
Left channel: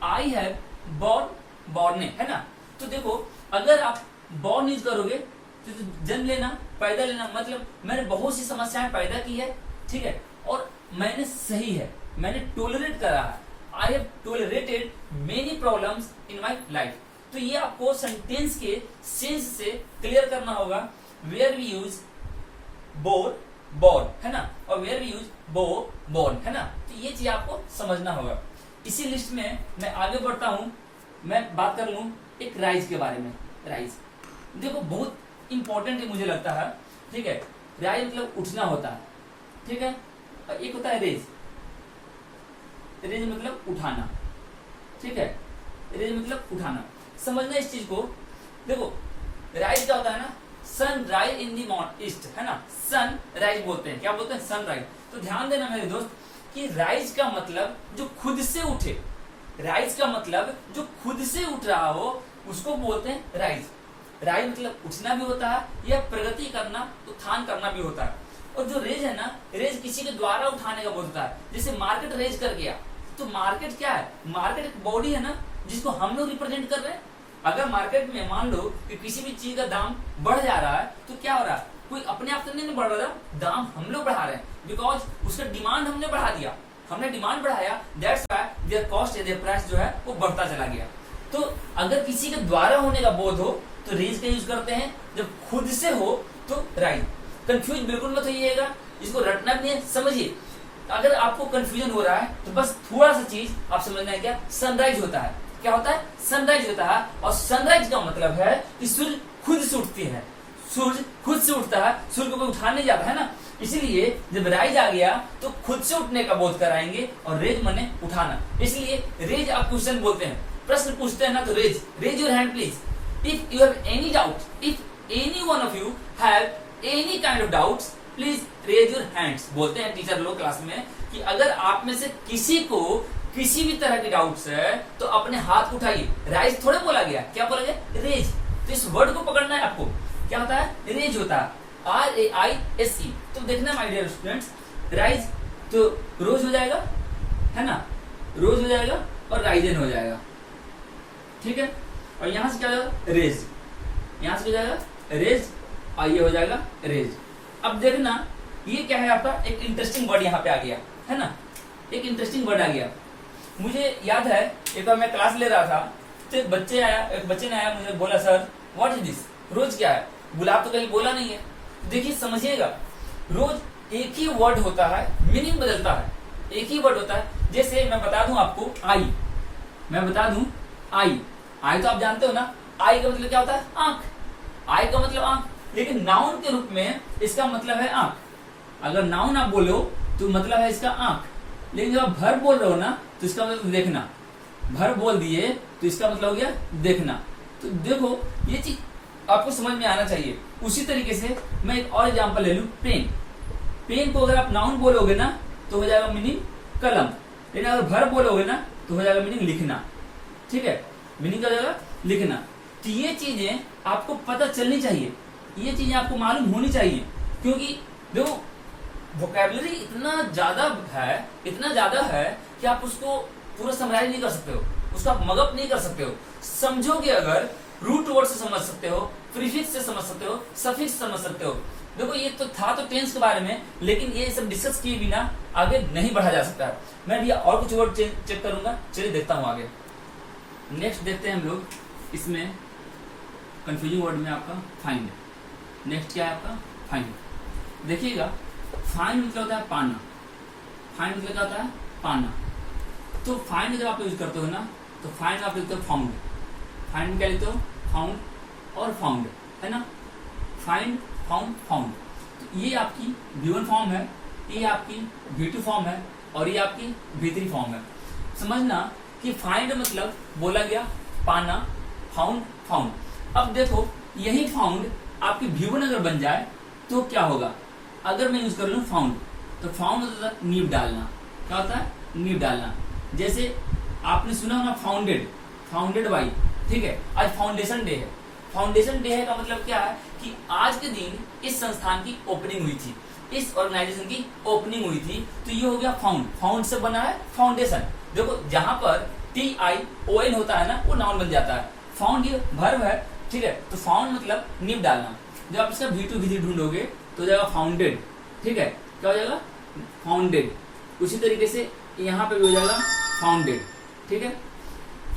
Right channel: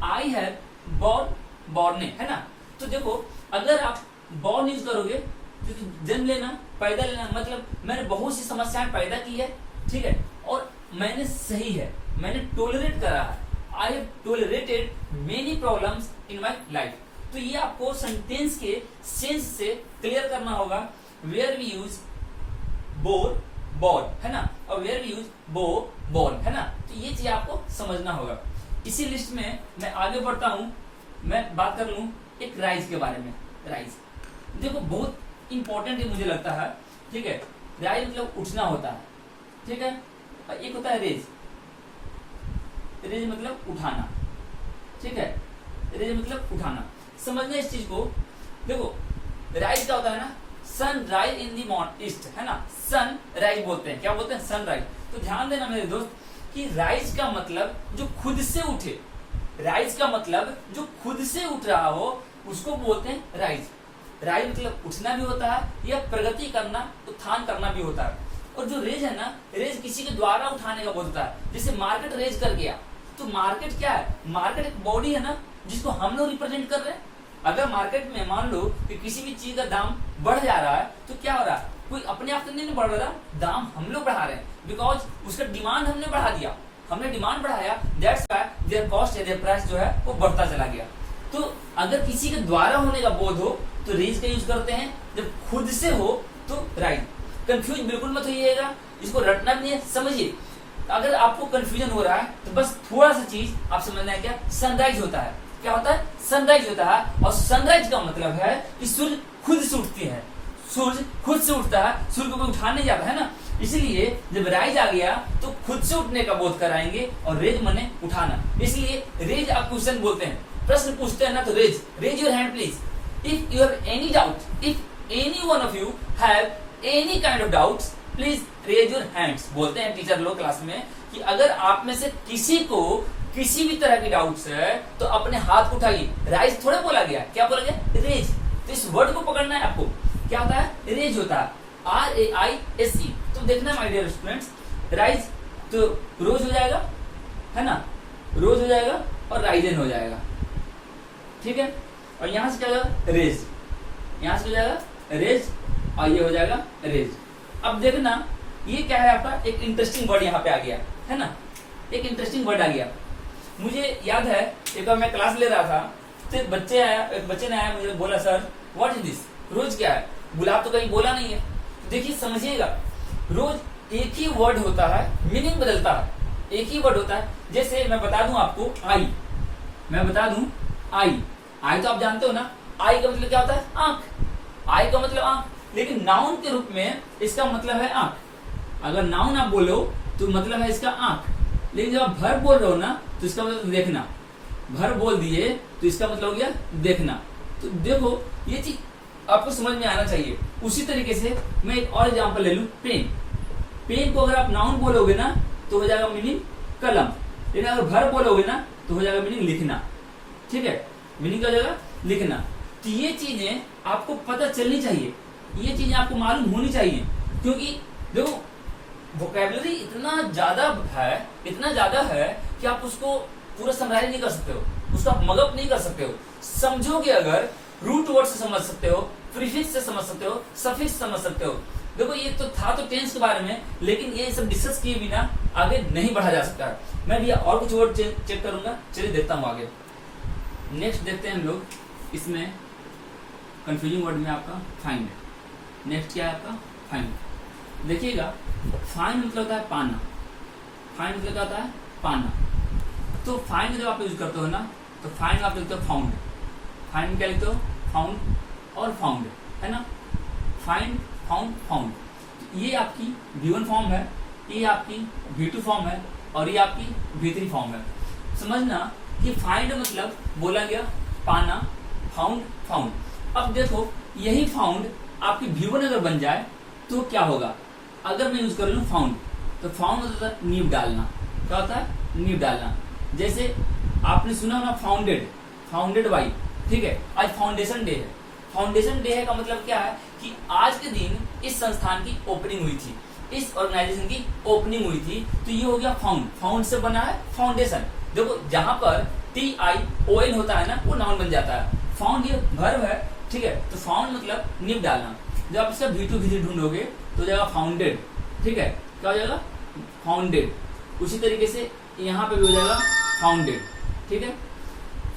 आई हैव बॉर्न है ना। तो देखो, अगर आप बॉर्न यूज करोगे तो जन्म लेना, पैदा लेना, मतलब मैंने बहुत सी समस्याएं पैदा की है, ठीक है, और मैंने सही है, मैंने टोलरेट करा है, I have tolerated many problems in my life. तो ये आपको सेंटेंस के सेंस से क्लियर करना होगा। वेयर वी यूज बॉर्न, है ना, और वेयर वी यूज बॉर्न, है ना। तो ये चीज आपको समझना होगा। इसी लिस्ट में मैं आगे बढ़ता हूं, मैं बात कर लूं एक राइज के बारे में। राइज देखो बहुत इंपॉर्टेंट मुझे लगता है, ठीक है। राइज मतलब उठना होता है, ठीक है। और एक होता है रेज, रेज मतलब उठाना, ठीक है, रेज मतलब उठाना। समझना इस चीज को, देखो राइज क्या होता है ना, sun rise in the east, है ना, सन राइज बोलते हैं, क्या बोलते हैं, सन राइज। तो ध्यान देना मेरे दोस्त कि राइज का मतलब जो खुद से उठे, राइज का मतलब जो खुद से उठ रहा हो उसको बोलते हैं राइज। राइज मतलब उठना भी होता है या प्रगति करना, उत्थान करना भी होता है। और जो रेज है ना, रेज किसी के द्वारा उठाने का बोलता है। जैसे मार्केट रेज कर गया, तो मार्केट क्या है, मार्केट एक बॉडी है ना जिसको हम लोग रिप्रेजेंट कर रहे हैं। अगर मार्केट में मान लो कि किसी भी चीज का दाम बढ़ जा रहा है तो क्या हो रहा है, कोई अपने आप से नहीं बढ़ रहा, दाम हम लोग बढ़ा रहे हैं, बिकॉज उसका डिमांड हमने बढ़ा दिया, हमने डिमांड बढ़ाया, दैट्स व्हाई देयर कॉस्ट या देयर प्राइस जो है वो बढ़ता चला गया। तो अगर किसी के द्वारा होने का बोध हो तो रेज का यूज करते हैं, जब खुद से हो तो राइज। कंफ्यूज बिल्कुल मत होइएगा, इसको रटना भी नहीं है, समझिए। अगर आपको कंफ्यूजन हो रहा है तो बस थोड़ा सा चीज आप समझना है, क्या सनराइज होता है, क्या होता है, सनराइज होता है। और सनराइज का मतलब है कि सूर्य खुद से उठती है, सूर्य खुद से उठता है, सूर्य को कोई उठाने नहीं जाता है ना। इसलिए जब राइज आ गया तो खुद से उठने का बोध कराएंगे, और रेज माने उठाना, इसलिए रेज आप क्वेश्चन बोलते हैं, प्रश्न पूछते हैं ना, तो raise your hand please if you have any doubt, if any one of you have any kind of doubts please raise your hands. बोलते हैं टीचर लोग क्लास में कि अगर आप में से किसी को किसी भी तरह की डाउट्स है तो अपने हाथ उठाइए। राइज थोड़ा बोला गया, क्या बोला गया, रेज। तो इस वर्ड को पकड़ना है आपको, क्या होता है, रेज होता है, RAISE। तो देखना माय डियर स्टूडेंट्स, राइज तो रोज हो जाएगा, है ना, रोज हो जाएगा और राइजन हो जाएगा, ठीक है। और यहां से क्या हो जाएगा, रेज, यहां से हो जाएगा रेज, और ये हो जाएगा रेज। अब देखना ये क्या है आपका, एक इंटरेस्टिंग वर्ड यहाँ पे आ गया, है ना, एक इंटरेस्टिंग वर्ड आ गया। मुझे याद है एक बार मैं क्लास ले रहा था तो एक बच्चे ने आया, मुझे बोला सर व्हाट इज दिस, रोज क्या है, गुलाब तो कहीं बोला नहीं है। देखिए समझिएगा, रोज एक ही वर्ड होता है, मीनिंग बदलता है, एक ही वर्ड होता है। जैसे मैं बता दूं आपको आई, मैं बता दूं आई, आई तो आप जानते हो ना, आई का मतलब क्या होता है, आंख, आई का मतलब आंख। लेकिन नाउन के रूप में इसका मतलब है आंख। अगर नाउन आप बोलो तो मतलब है इसका आंख, लेकिन जब आप भर बोल रहे हो ना तो इसका मतलब देखना, भर बोल दिए तो इसका मतलब हो गया देखना। तो देखो ये चीज आपको समझ में आना चाहिए। उसी तरीके से मैं एक और एग्जांपल ले लूं, पेन। पेन को अगर आप नाउन बोलोगे ना तो हो जाएगा मीनिंग कलम, लेकिन अगर वर्ब बोलोगे ना तो हो जाएगा मीनिंग लिखना। ठीक है, मीनिंग क्या हो जाएगा लिखना। तो ये चीजें आपको पता चलनी चाहिए, ये चीजें आपको मालूम होनी चाहिए, क्योंकि देखो वोकैबुलरी इतना ज्यादा है कि आप उसको पूरा समराइज नहीं कर सकते हो, उसका मगअप नहीं कर सकते हो। समझोगे अगर रूट वर्ड से समझ सकते हो, प्रीफिक्स से समझ सकते हो, सफिक्स समझ सकते हो। देखो ये तो था तो टेंस के बारे में, लेकिन ये सब डिस्कस किए बिना आगे नहीं बढ़ा जा सकता है। मैं भी और कुछ वर्ड चेक करूंगा, चलिए देखता हूं आगे। नेक्स्ट देखते हैं हम लोग, इसमें कंफ्यूजिंग वर्ड में आपका फाइंड। नेक्स्ट क्या है आपका फाइंड। देखिएगा फाइंड मतलब होता है पाना, फाइंड मतलब क्या होता है पाना। तो फाइंड जब आप यूज करते हो ना तो फाइंड आप लिखते हो फाउंड। फाइंड क्या लिखते हो फाउंड और फाउंड, है ना, फाइंड फाउंड फाउंड। तो ये आपकी V1 फॉर्म है, ये आपकी V2 फॉर्म है और ये आपकी V3 फॉर्म है। समझना कि फाइंड मतलब बोला गया पाना, फाउंड फाउंड। अब देखो यही फाउंड आपकी V1 अगर बन जाए तो क्या होगा। अगर मैं यूज कर लूं फाउंड, तो फाउंड मतलब होता है नींव डालना। क्या होता है नींव डालना। जैसे आपने सुना होगा फाउंडेड, फाउंडेड बाई, ठीक है, आज फाउंडेशन डे है। फाउंडेशन डे है का मतलब क्या है कि आज के दिन इस संस्थान की ओपनिंग हुई थी, इस ऑर्गेनाइजेशन की ओपनिंग हुई थी, तो ये हो गया फाउंड। फाउंड से बना है फाउंडेशन। देखो जहां पर TION होता है ना वो नाउन बन जाता है। फाउंड ये वर्ब है, ठीक है, तो फाउंड मतलब नींव डालना। जब आप इसका V2 V3 ढूंढोगे तो हो जाएगा फाउंडेड, ठीक है, क्या हो जाएगा फाउंडेड। उसी तरीके से यहाँ पे भी हो जाएगा फाउंडेड, ठीक है।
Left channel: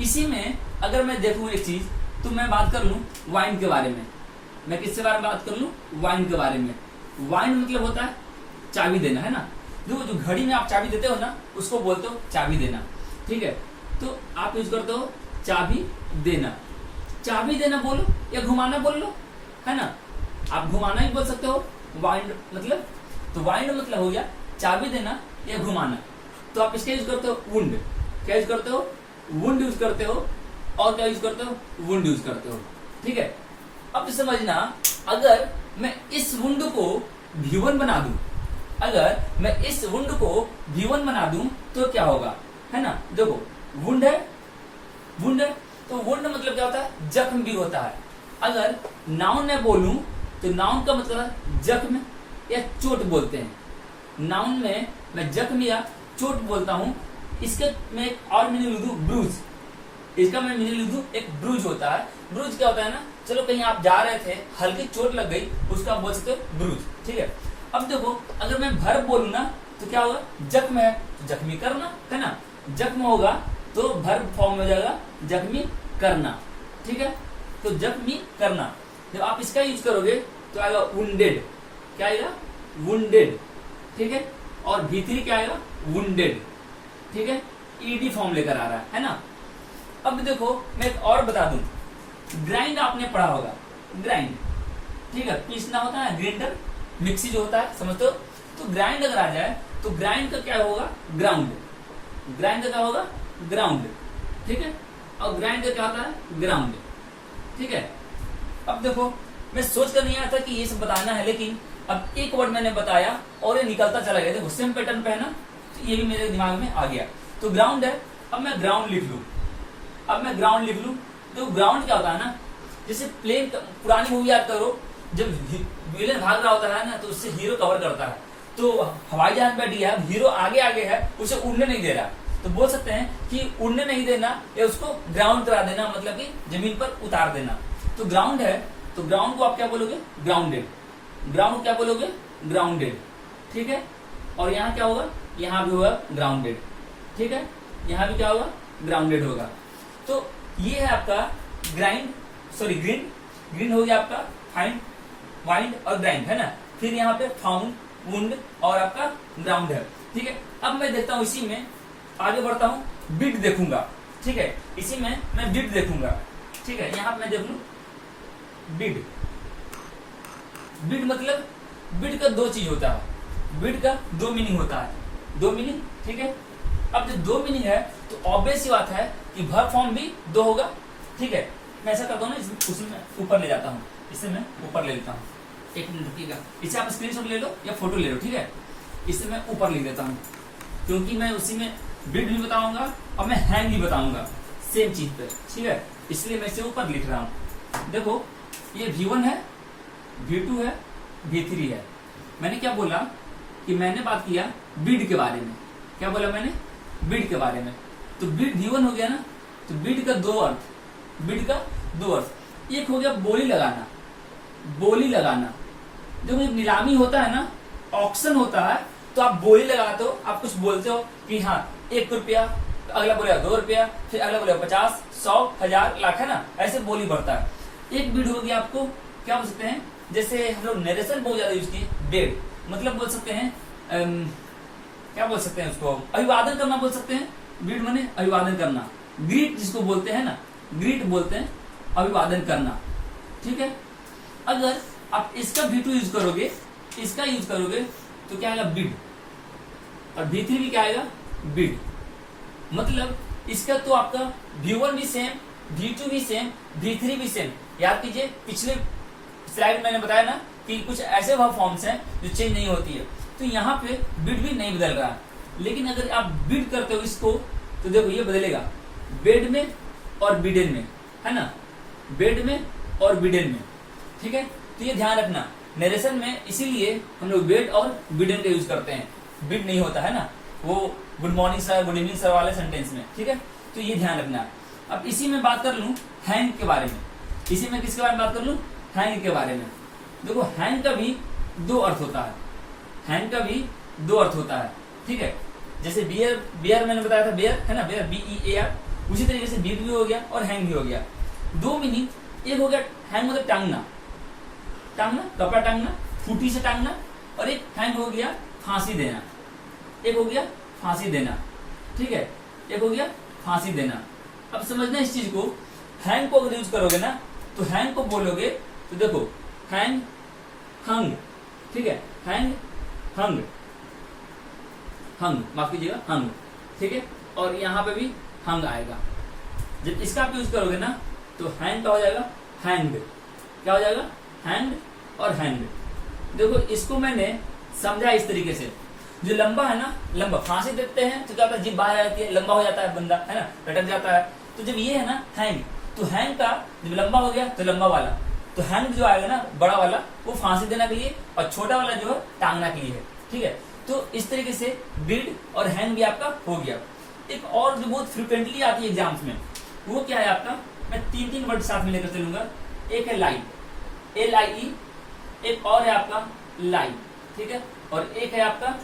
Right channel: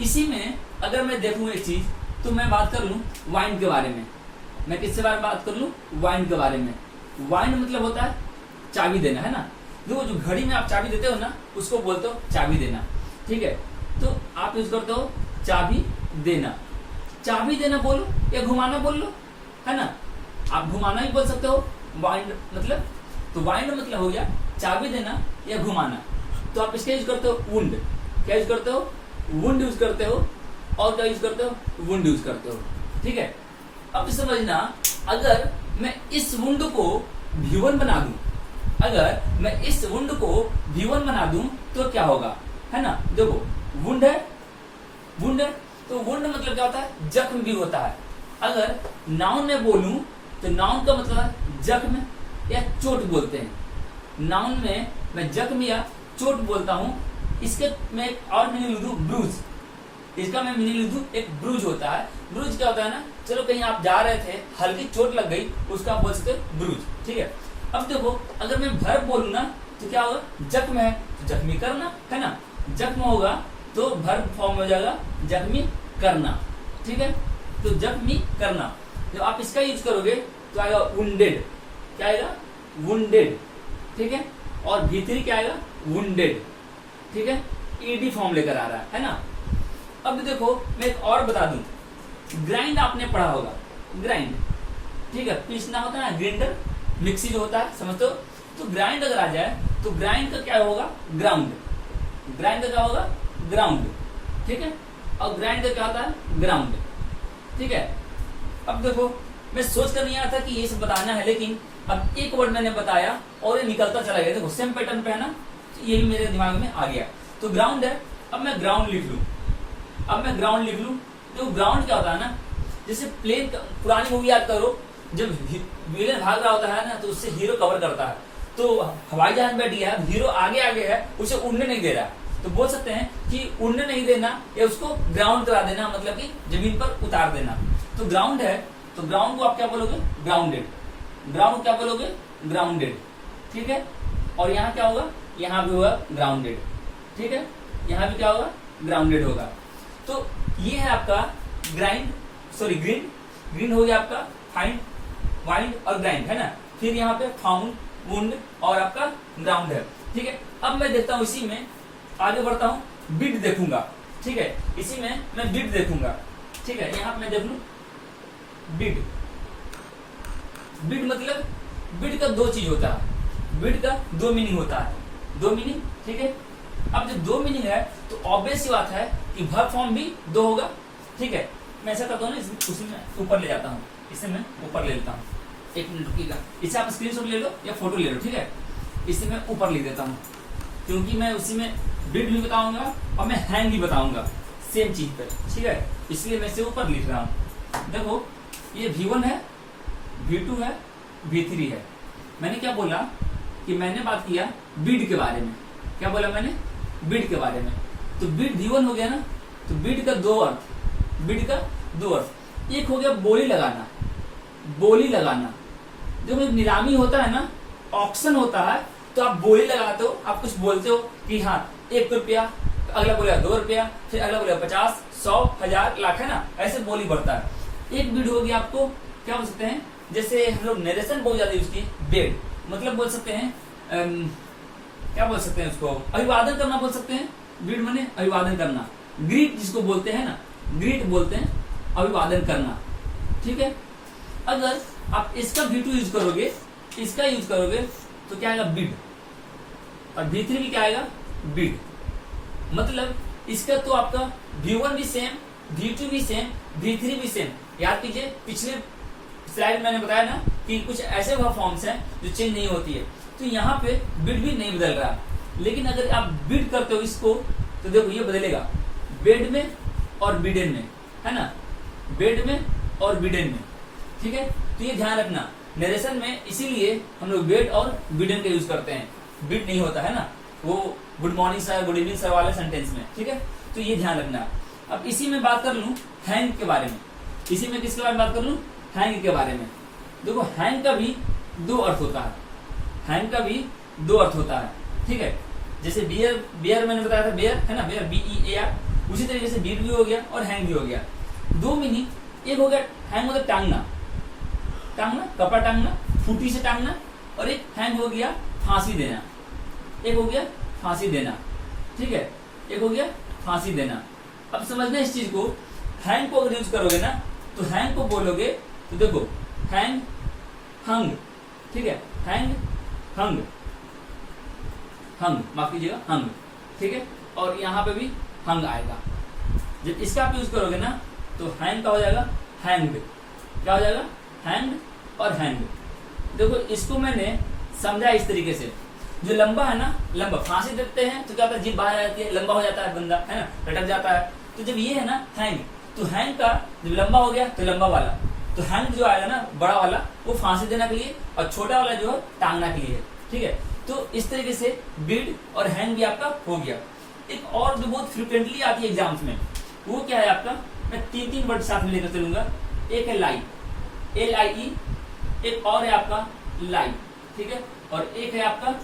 इसी में अगर मैं देखूं एक चीज, तो मैं बात कर लूं वाइंड के बारे में। मैं किसके बारे में बात कर लूं वाइंड के बारे में। वाइंड मतलब होता है चाबी देना, है ना। जो घड़ी में आप चाबी देते हो ना उसको बोलते हो चाबी देना, ठीक है। तो आप यूज करते हो चाबी देना। चाबी देना बोलो या घुमाना बोल लो, है ना, आप घुमाना ही बोल सकते हो वाइंड मतलब। तो वाइंड मतलब हो गया चाबी देना या घुमाना। तो आप इसका यूज करते हो वुंड। क्या यूज करते हो वुंड यूज करते हो, और क्या यूज करते हो वुंड यूज करते हो, ठीक है। अब समझना अगर मैं इस वुंड को V1 बना दूं, अगर मैं इस वुंड को V1 बना दूं तो क्या होगा, है ना। देखो वुंड है, वुंड है, तो वुंड मतलब क्या होता है जख्म भी होता है। अगर नाउन में बोलूं तो नाउन का मतलब जख्म या चोट बोलते हैं। नाउन में मैं जख्म या चोट बोलता हूं। इसके मैं एक और मीनिंग लिख दूं ब्रूज। इसका मैं मीनिंग लिख दूं एक ब्रूज होता है। ब्रूज क्या होता है ना, चलो कहीं आप जा रहे थे, हल्की चोट लग गई, उसका आप बोल सकते हो ब्रूज, ठीक है। अब देखो अगर मैं वर्ब बोलूं ना तो क्या होगा, जख्म है तो जख्मी करना, है ना। जख्म होगा तो वर्ब फॉर्म हो जाएगा जख्मी करना, ठीक है। तो जख्मी करना जब आप इसका यूज करोगे तो आएगा वुंडेड। क्या आएगा वुंडेड, ठीक है। और V3 क्या आएगा वुंडेड, ठीक है। ED फॉर्म लेकर आ रहा है ना। अब देखो मैं एक और बता दूं, ग्राइंड आपने पढ़ा होगा, ग्राइंड, ठीक है, पीसना होता है ना, ग्राइंडर, मिक्सी जो होता है, समझते हो। तो ग्राइंड अगर आ जाए तो ग्राइंड का क्या होगा ग्राउंड। ग्राइंड का क्या होगा ग्राउंड, ठीक है। और ग्राइंड का क्या होता है ग्राउंड, ठीक है। अब देखो मैं सोच कर नहीं आया था कि ये सब बताना है, लेकिन अब एक वर्ड मैंने बताया और ये निकलता चला गया। देखो सेम पैटर्न पे है ना, तो ये भी मेरे दिमाग में आ गया। तो ग्राउंड है, अब मैं ग्राउंड लिख लूं, अब मैं ग्राउंड लिख लूं। देखो ग्राउंड क्या होता है ना, जैसे प्लेन, पुरानी मूवी याद करो, जब विलेन भाग रहा होता है ना तो उससे हीरो कवर करता है। तो हवाई जहाज बैठ गया है, हीरो आगे आगे है, उसे उड़ने नहीं दे रहा, तो बोल सकते हैं कि उड़ने नहीं देना या उसको ग्राउंड करा देना, मतलब कि जमीन पर उतार देना। तो ग्राउंड है, तो ग्राउंड को आप क्या बोलोगे ग्राउंडेड। ग्राउंड क्या बोलोगे ग्राउंडेड, ठीक है। और यहाँ क्या होगा, यहाँ भी होगा ग्राउंडेड, ठीक है। यहाँ भी क्या होगा ग्राउंडेड होगा। तो ये है आपका ग्राइंड, सॉरी ग्रीन। ग्रीन हो गया आपका फाइंड, वाइंड और ग्राइंड, है ना। फिर यहाँ पे फाउंड, वुंड और आपका ग्राउंड है, ठीक है। अब मैं देखता हूँ, इसी में आगे बढ़ता हूँ, बिट देखूंगा, ठीक है। इसी में मैं बिट देखूंगा, ठीक है। यहाँ पे मैं देख लू बिट। बिट मतलब बिट का दो चीज होता है, बिट का दो मीनिंग होता है, दो मीनिंग, ठीक है। अब जब दो मीनिंग है तो ऑब्वियस सी बात है कि वर्ब फॉर्म भी 2 होगा। ठीक है, मैं ऐसा करता हूँ ना, उसी में ऊपर ले जाता हूँ, इसे मैं ऊपर ले लेता हूँ। 1 मिनट रुकिएगा, इसे आप स्क्रीनशॉट ले लो या फोटो ले लो। ठीक है, इसे मैं ऊपर लिख देता हूँ, क्योंकि मैं उसी में बिड भी बताऊंगा और मैं हैंग भी बताऊंगा सेम चीज पे। ठीक है, इसलिए मैं इसे ऊपर लिख रहा हूँ। देखो, ये V1 है, V2 है, V3 है। मैंने क्या बोला कि मैंने बात किया बिड के बारे में। क्या बोला मैंने? बिड के बारे में। तो बिड V1 हो गया ना, तो बिड का 2 अर्थ, बिड का 2 अर्थ। एक हो गया बोली लगाना, बोली लगाना। देखो, जब नीलामी होता है ना, ऑक्शन होता है, तो आप बोली लगाते हो, आप कुछ बोलते हो कि हाँ 1 रुपया, अगला बोलेगा 2 रुपया, फिर अगला बोलेगा 50, 100, 1000, लाख, है ना, ऐसे बोली बढ़ता है। एक बिड होगी आपको क्या बोल सकते हैं, जैसे हम लोग नरेशन बहुत ज्यादा यूज किए, बेड मतलब बोल सकते हैं क्या बोल सकते हैं उसको, अभिवादन करना बोल सकते हैं। बिड माने अभिवादन करना, ग्रीट जिसको बोलते हैं ना, ग्रीट बोलते हैं, अभिवादन करना। ठीक है, अगर आप इसका V2 यूज करोगे, इसका यूज करोगे, तो क्या आएगा? बिड। और V3 भी क्या आएगा? बिड। मतलब इसका तो आपका V1 भी सेम, V2 भी सेम, V3 भी सेम। याद कीजिए, पिछले स्लाइड मैंने बताया ना कि कुछ ऐसे वर्ब फॉर्म्स हैं जो चेंज नहीं होती है, तो यहाँ पे बिड भी नहीं बदल रहा। लेकिन अगर आप बिड करते हो इसको, तो देखो ये बदलेगा, बेड में और बिडेन में, है ना, बेड में और बिडेन में। ठीक है, तो ये ध्यान रखना, नरेशन में इसीलिए हम लोग बेड और बिडेन का यूज करते हैं, बिड नहीं होता है ना, वो good morning sir, good evening sir वाले सेंटेंस में। ठीक है, तो ये ध्यान रखना है। अब इसी में बात कर लूं हैंग के बारे में, इसी में किसके बारे में बात कर लूं? हैंग के बारे में। देखो, हैंग का भी 2 अर्थ होता है, हैंग का भी 2 अर्थ होता है। ठीक है, जैसे बियर, बियर मैंने बताया था, बियर है ना, बियर BEAR, उसी तरीके से बिड भी हो गया और हैंग भी हो गया। 2 मीनिंग, एक हो गया हैंग मतलब टांगना, टांगना, कपड़ा टांगना, फूटी से टांगना, और एक हैंग हो गया फांसी देना, एक हो गया फांसी देना। ठीक है, एक हो गया फांसी देना। अब समझना इस चीज को, हैंग को अगर यूज करोगे ना, तो हैंग को बोलोगे तो देखो, हैंग, हंग। ठीक है, हैंग, हंग, हंग, माफ कीजिएगा, हंग। ठीक है, और यहाँ पे भी हंग आएगा। जब इसका आप यूज करोगे ना, तो हैंग का हो जाएगा हैंग। क्या हो जाएगा? हैंग और हैंग। देखो, इसको मैंने समझा इस तरीके से, जो लंबा है ना, लंबा फांसी देते हैं तो क्या होता है, जीभ बाहर आ जाती है, लंबा हो जाता है बंदा, है ना, लटक जाता है। तो जब ये है ना हैंग, तो हैंग का जब लंबा हो गया तो लंबा वाला, तो हैंग जो आएगा ना बड़ा वाला, वो फांसी देने के लिए, और छोटा वाला जो है टांगना के लिए है। ठीक है, तो इस तरीके से बिड और हैंग भी आपका हो गया। एक और जो बहुत फ्रिक्वेंटली आती है एग्जाम्स में, वो क्या है आपका, मैं 3 वर्ड साथ में लेकर चलूंगा। एक है लाई, LIE, एक और है आपका लाई। ठीक है, और एक है आपका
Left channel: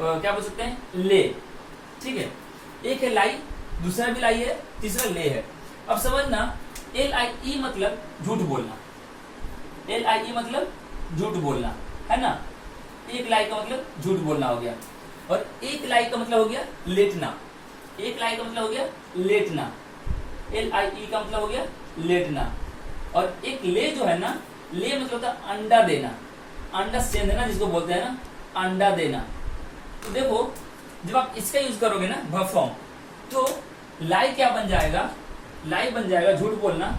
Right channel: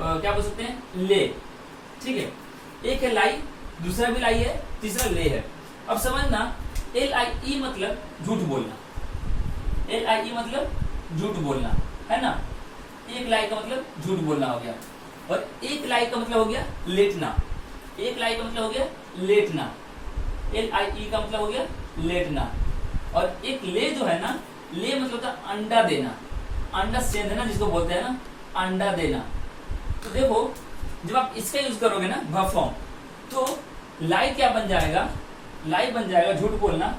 क्या बोल सकते हैं, ले। ठीक है, एक है लाई, दूसरा भी लाई है, तीसरा ले है। अब समझना, LIE मतलब झूठ बोलना, LIE मतलब झूठ बोलना, है ना। एक लाई का मतलब झूठ बोलना हो गया, और एक लाई का मतलब हो गया लेटना, एक लाई का मतलब हो गया लेटना, LIE का मतलब हो गया लेटना। और एक ले जो है ना, ले मतलब होता है अंडा देना, अंडा सेंध देना जिसको बोलते हैं ना, अंडा देना। तो देखो, जब आप इसका यूज करोगे ना वर्ब फॉर्म, तो लाई क्या बन जाएगा, लाई बन जाएगा झूठ बोलना,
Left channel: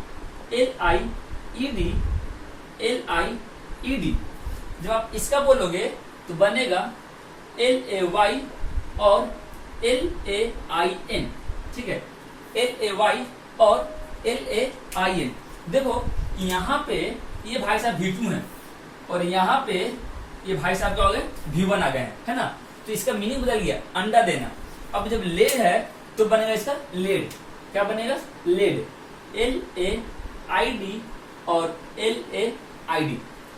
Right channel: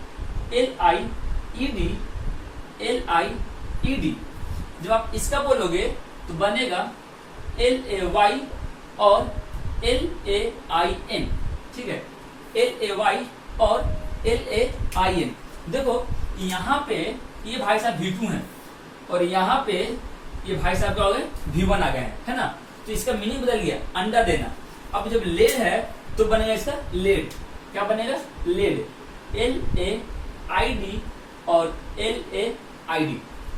LIED, LIED। जब आप इसका बोलोगे तो बनेगा LAY और LAIN। ठीक है, LAY और LAIN। देखो, यहाँ पे ये भाई साहब V2 है, और यहाँ पे ये भाई साहब क्या हो गए, V1 आ गए, है ना। तो इसका मीनिंग बदल गया, अंडा देना। अब जब ले है तो बनेगा इसका लेड। क्या बनेगा? लेड, LAID और LAID।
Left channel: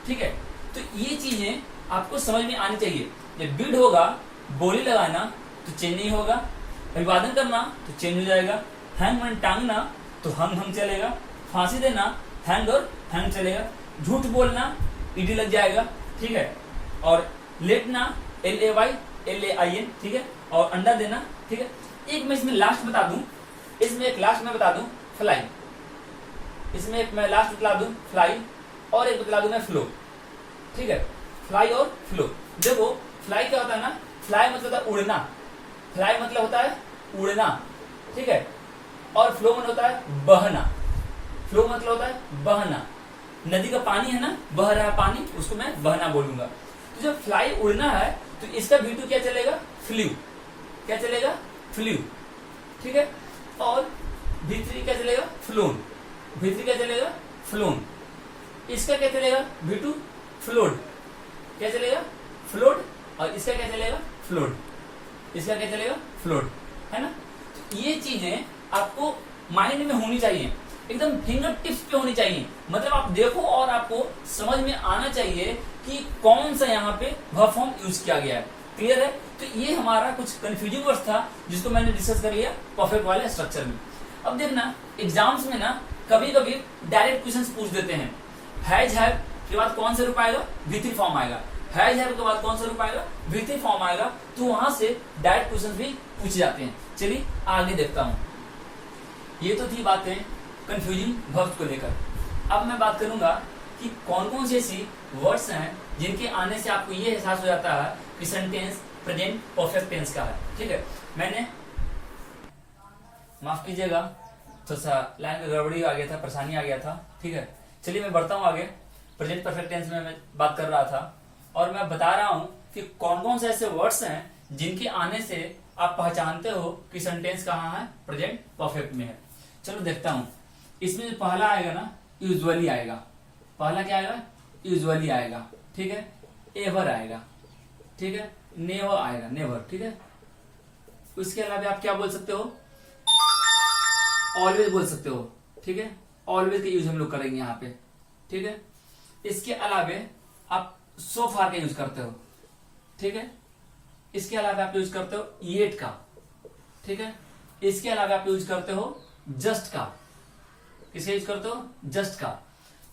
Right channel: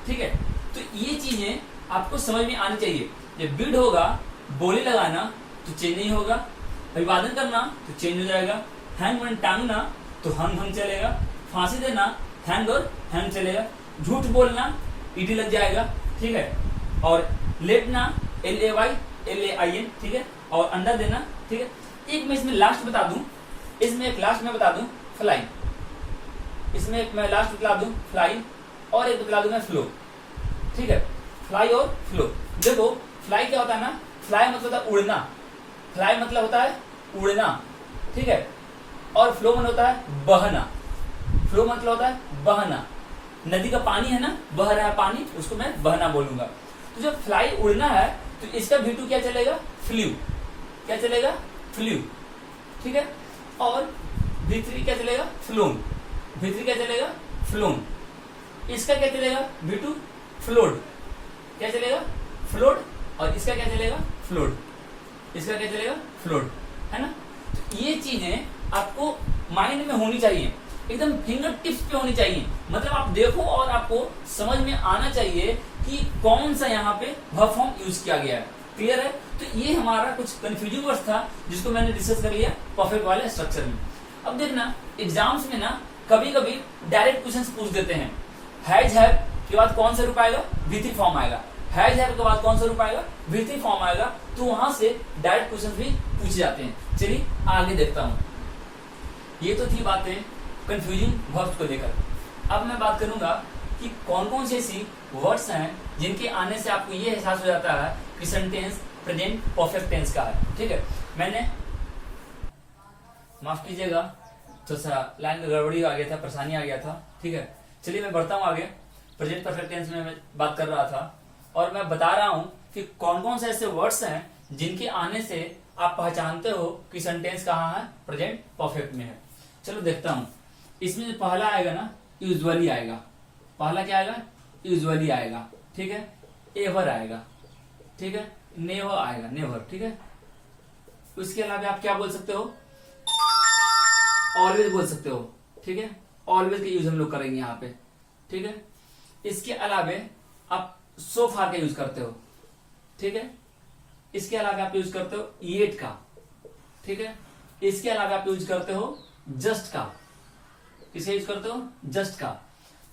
ठीक है, तो ये चीजें आपको समझ में आनी चाहिए। जब बिड होगा, बोली लगाना तो चेंज नहीं होगा, अभिवादन करना तो चेंज हो जाएगा, हैंग मन टांगना तो हंग चलेगा, फांसी देना हैंग और हैंग चलेगा, झूठ बोलना ईडी लग जाएगा। ठीक है, और लेटना LAY LAIN। ठीक है, और अंडा देना। ठीक है, एक मैं इसमें लास्ट बता दूं, इसमें एक लास्ट मैं बता दूं फ्लाई, इसमें एक मैं लास्ट बता दूं फ्लाई, और एक बता दूं मैं फ्लो। ठीक है, फ्लाई और फ्लो। देखो, फ्लाई क्या होता है ना, फ्लाई मतलब होता है उड़ना, फ्लाई मतलब होता है उड़ना। ठीक है, और फ्लो मतलब होता है बहना। फ्लो मतलब होता है बहना। नदी का पानी है ना, बह रहा है पानी, उसको मैं बहना बोलूंगा। तो जब फ्लाई उड़ना है तो इसका V2 क्या चलेगा, फ्लू। क्या चलेगा, फ्लू, ठीक है। और V3 क्या चलेगा, फ्लोन। V3 क्या चलेगा, फ्लोन। इसका क्या चलेगा, V2 फ्लोड। क्या चलेगा, फ्लोड। और इसका क्या चलेगा, फ्लोड। इसका क्या चलेगा, फ्लोड, है ना। तो ये चीजें आपको माइंड में होनी चाहिए, एकदम फिंगर टिप्स पे होनी चाहिए। मतलब आप देखो और आपको समझ में आना चाहिए कि कौन सा यहाँ पे वर्ब फॉर्म यूज किया गया है। क्लियर है। तो ये हमारा कुछ कंफ्यूजिंग वर्ड था जिसको मैंने डिस्कस कर लिया परफेक्ट वाले स्ट्रक्चर में। अब देखना एग्जाम्स में ना कभी कभी डायरेक्ट क्वेश्चंस पूछ देते हैं। हैज हैव के बाद कौन सा रूप आएगा, V3 फॉर्म आएगा। हैज हैव के बाद कौन सा रूप आएगा, V3 फॉर्म आएगा। तो वहां से डायरेक्ट क्वेश्चंस भी पूछे जाते हैं। चलिए आगे देखता हूं। ये तो थी बातें कंफ्यूजिंग वर्ड्स को लेकर। अब मैं बात करूंगा कि कौन कौन सी ऐसी वर्ड्स हैं जिनके आने से आपको ये एहसास हो जाता है कि सेंटेंस प्रेजेंट परफेक्ट टेंस का है। ठीक है, मैंने माफ कीजिएगा थोड़ा सा लाइन में गड़बड़ी आ गया था, परेशानी आ गया था। ठीक है, चलिए मैं बढ़ता हूं आगे। प्रेजेंट परफेक्ट टेंस में मैं बात कर रहा था और मैं बता रहा हूं कि कौन कौन से ऐसे वर्ड्स हैं जिनके आने से आप पहचानते हो कि सेंटेंस कहाँ है, प्रेजेंट परफेक्ट में है। चलो देखता हूं। इसमें जो पहला आएगा ना, यूजुअली आएगा। पहला क्या आएगा, यूजुअली आएगा। ठीक है, एवर आएगा। ठीक है, नेवर आएगा, नेवर। ठीक है, उसके अलावा आप क्या बोल सकते हो, ऑलवेज बोल सकते हो। ठीक है, ऑलवेज का यूज हम लोग करेंगे यहाँ पे। ठीक है, इसके अलावे आप सो फार का यूज करते हो। ठीक है, इसके अलावा आप यूज करते हो येट का। ठीक है, इसके अलावा आप यूज करते हो जस्ट का। किसे यूज करते हो, जस्ट का।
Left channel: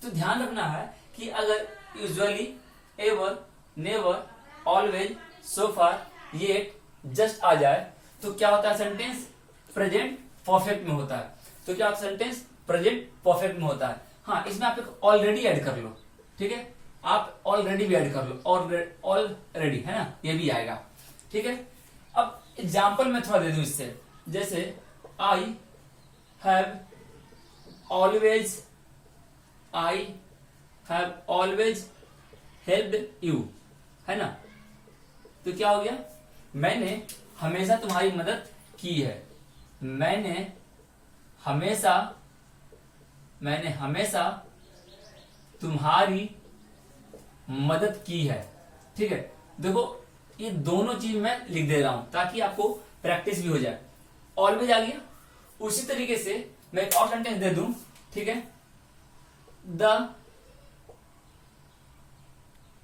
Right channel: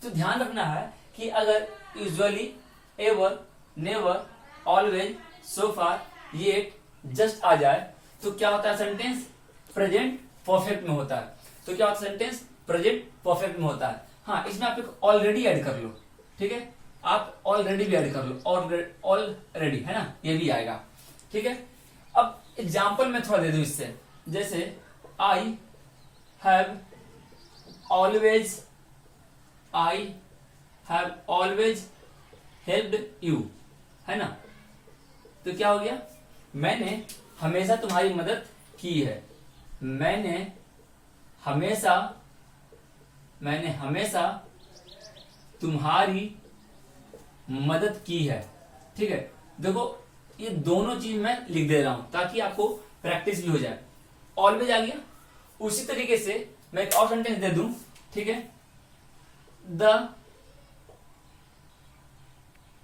तो ध्यान रखना है कि अगर यूजुअली, एवर, नेवर, ऑलवेज, सो फार, येट, जस्ट आ जाए तो क्या होता है, सेंटेंस प्रेजेंट परफेक्ट में होता है। तो क्या होता है, सेंटेंस प्रेजेंट परफेक्ट में होता है। हाँ, इसमें आप एक ऑलरेडी ऐड कर लो। ठीक है, आप ऑलरेडी भी ऐड कर लो, ऑलरेडी, है ना, ये भी आएगा। ठीक है, अब एग्जाम्पल मैं थोड़ा दे दूं इससे। जैसे I have always, I have always helped you, है ना। तो क्या हो गया, मैंने हमेशा तुम्हारी मदद की है। मैंने हमेशा तुम्हारी मदद की है। ठीक है, देखो ये दोनों चीज मैं लिख दे रहा हूं ताकि आपको प्रैक्टिस भी हो जाए। ऑलवेज आ गया। उसी तरीके से मैं एक और सेंटेंस दे दूं। ठीक है, the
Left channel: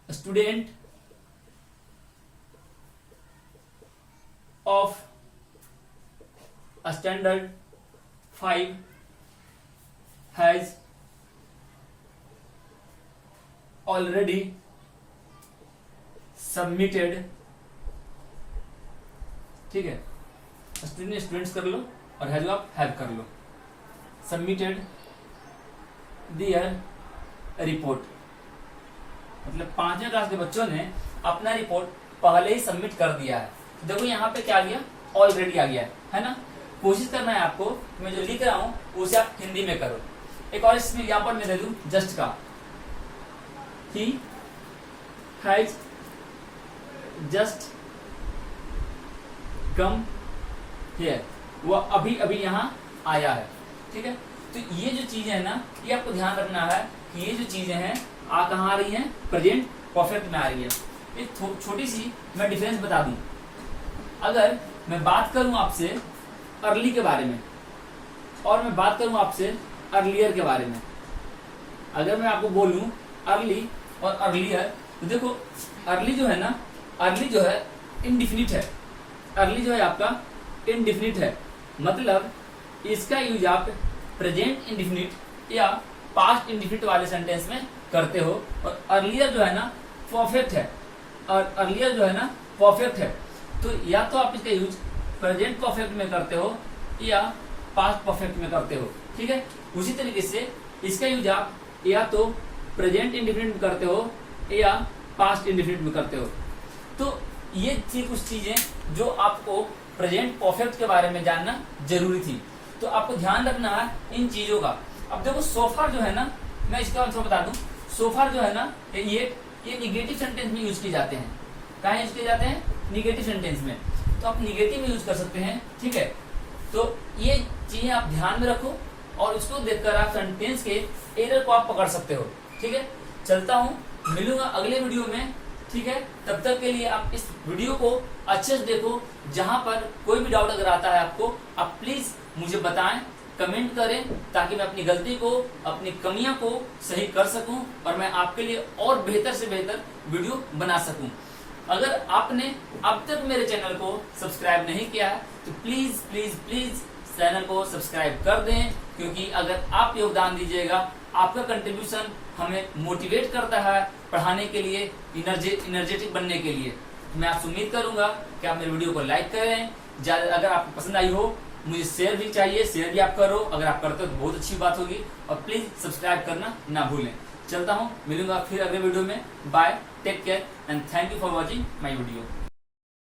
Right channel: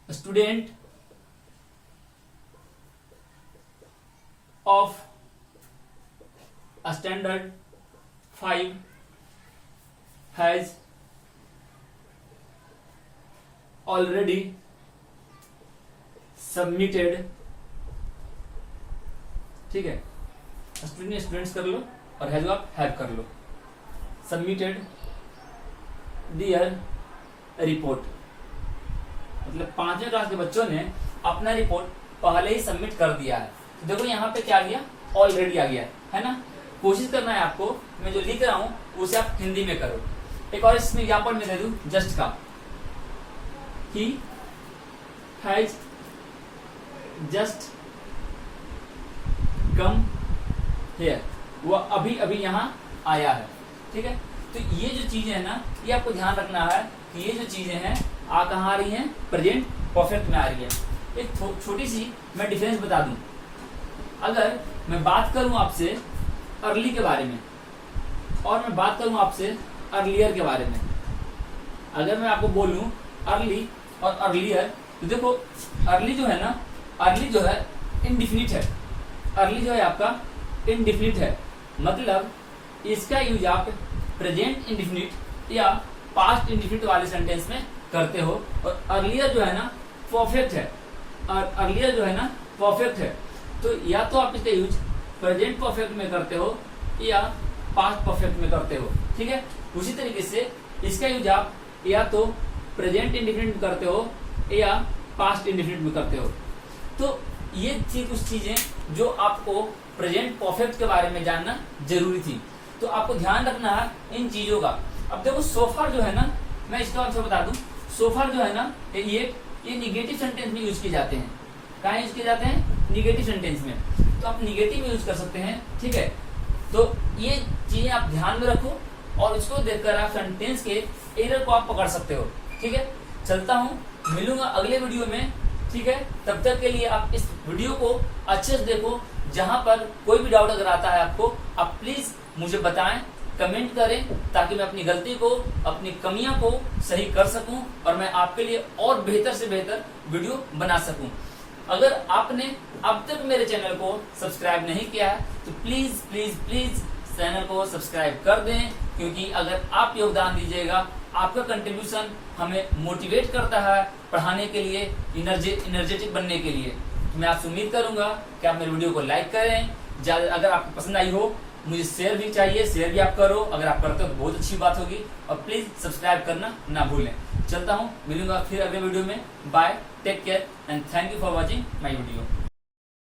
student of standard 5 has already submitted. ठीक है, स्टूडेंट्स कर लो और हैज आप हैव कर लो। सबमिटेड दियर रिपोर्ट, मतलब 5वीं क्लास के बच्चों ने अपना रिपोर्ट पहले ही सबमिट कर दिया है। देखो यहाँ पे क्या आ गया, ऑलरेडी आ गया है ना। कोशिश करना है आपको, मैं जो लिख रहा हूं उसे आप हिंदी में करो। एक और इसमें एग्जाम्पल मैं दे दूं जस्ट का। He has just come here, वो अभी अभी यहाँ आया है। ठीक है, तो ये जो चीजें है ना, ये आपको ध्यान रखना है कि ये जो चीजें हैं कहाँ आ रही हैं, प्रेजेंट परफेक्ट में आ रही है। एक छोटी सी मैं डिफरेंस बता दूं। अगर मैं बात करूं आपसे अर्ली के बारे में और मैं बात करूं आपसे अर्लियर के बारे में, अगर मैं आपको बोलूं अर्ली और अर्लियर, तो देखो अर्ली जो है ना, अर्ली जो है इनडिफिनिट है। अर्ली जो है आपका इनडिफिनिट है, मतलब इसका यूज आप प्रेजेंट इंडिफिनिट या पास्ट इंडिफिनिट वाले सेंटेंस में करते हो। और अर्लियर जो है ना परफेक्ट है, और अर्लियर जो है ना परफेक्ट है। तो या तो आप इसका यूज प्रेजेंट परफेक्ट में करते हो या पास्ट परफेक्ट में करते हो। ठीक है, उसी तरीके से इसका यूज आप या तो प्रेजेंट इंडिफिनिट में करते हो या पास्ट इंडिफिनिट में करते हो। तो ये थी कुछ चीजें जो आपको प्रेजेंट परफेक्ट के बारे में जानना जरूरी थी। तो आपको ध्यान रखना है इन चीजों का। अब देखो सोफार जो है ना, मैं इसका आंसर बता दूं, सोफार जो है ना ये निगेटिव सेंटेंस में यूज किए जाते हैं। कहाँ यूज किए जाते हैं? निगेटिव सेंटेंस में। तो आप निगेटिव में यूज कर सकते हैं, ठीक है। तो ये चीजें आप ध्यान में रखो और इसको देखकर आप सेंटेंस के एरर को आप पकड़ सकते हो, ठीक है। चलता हूँ, मिलूंगा अगले वीडियो में, ठीक है। तब तक के लिए आप इस वीडियो को अच्छे से देखो। जहां पर कोई भी डाउट अगर आता है आपको, आप प्लीज मुझे बताएं, कमेंट करें, ताकि मैं अपनी गलती को, अपनी कमियां को सही कर सकूं और मैं आपके लिए और बेहतर से बेहतर वीडियो बना सकूं। अगर आपने अब तक मेरे चैनल को सब्सक्राइब नहीं किया है तो प्लीज प्लीज प्लीज चैनल को सब्सक्राइब कर दें, क्योंकि अगर आप योगदान दीजिएगा, आपका कंट्रीब्यूशन हमें मोटिवेट करता है पढ़ाने के लिए, एनर्जेटिक बनने के लिए। मैं आपसे उम्मीद करूंगा कि आप मेरे वीडियो को लाइक करें। अगर आपको पसंद आई हो, मुझे शेयर भी चाहिए, शेयर भी आप करो। अगर आप करते हो तो बहुत अच्छी बात होगी। और प्लीज सब्सक्राइब करना ना भूलें। चलता हूँ, मिलूंगा फिर अगले वीडियो में। Bye, take care and thank you for watching my video.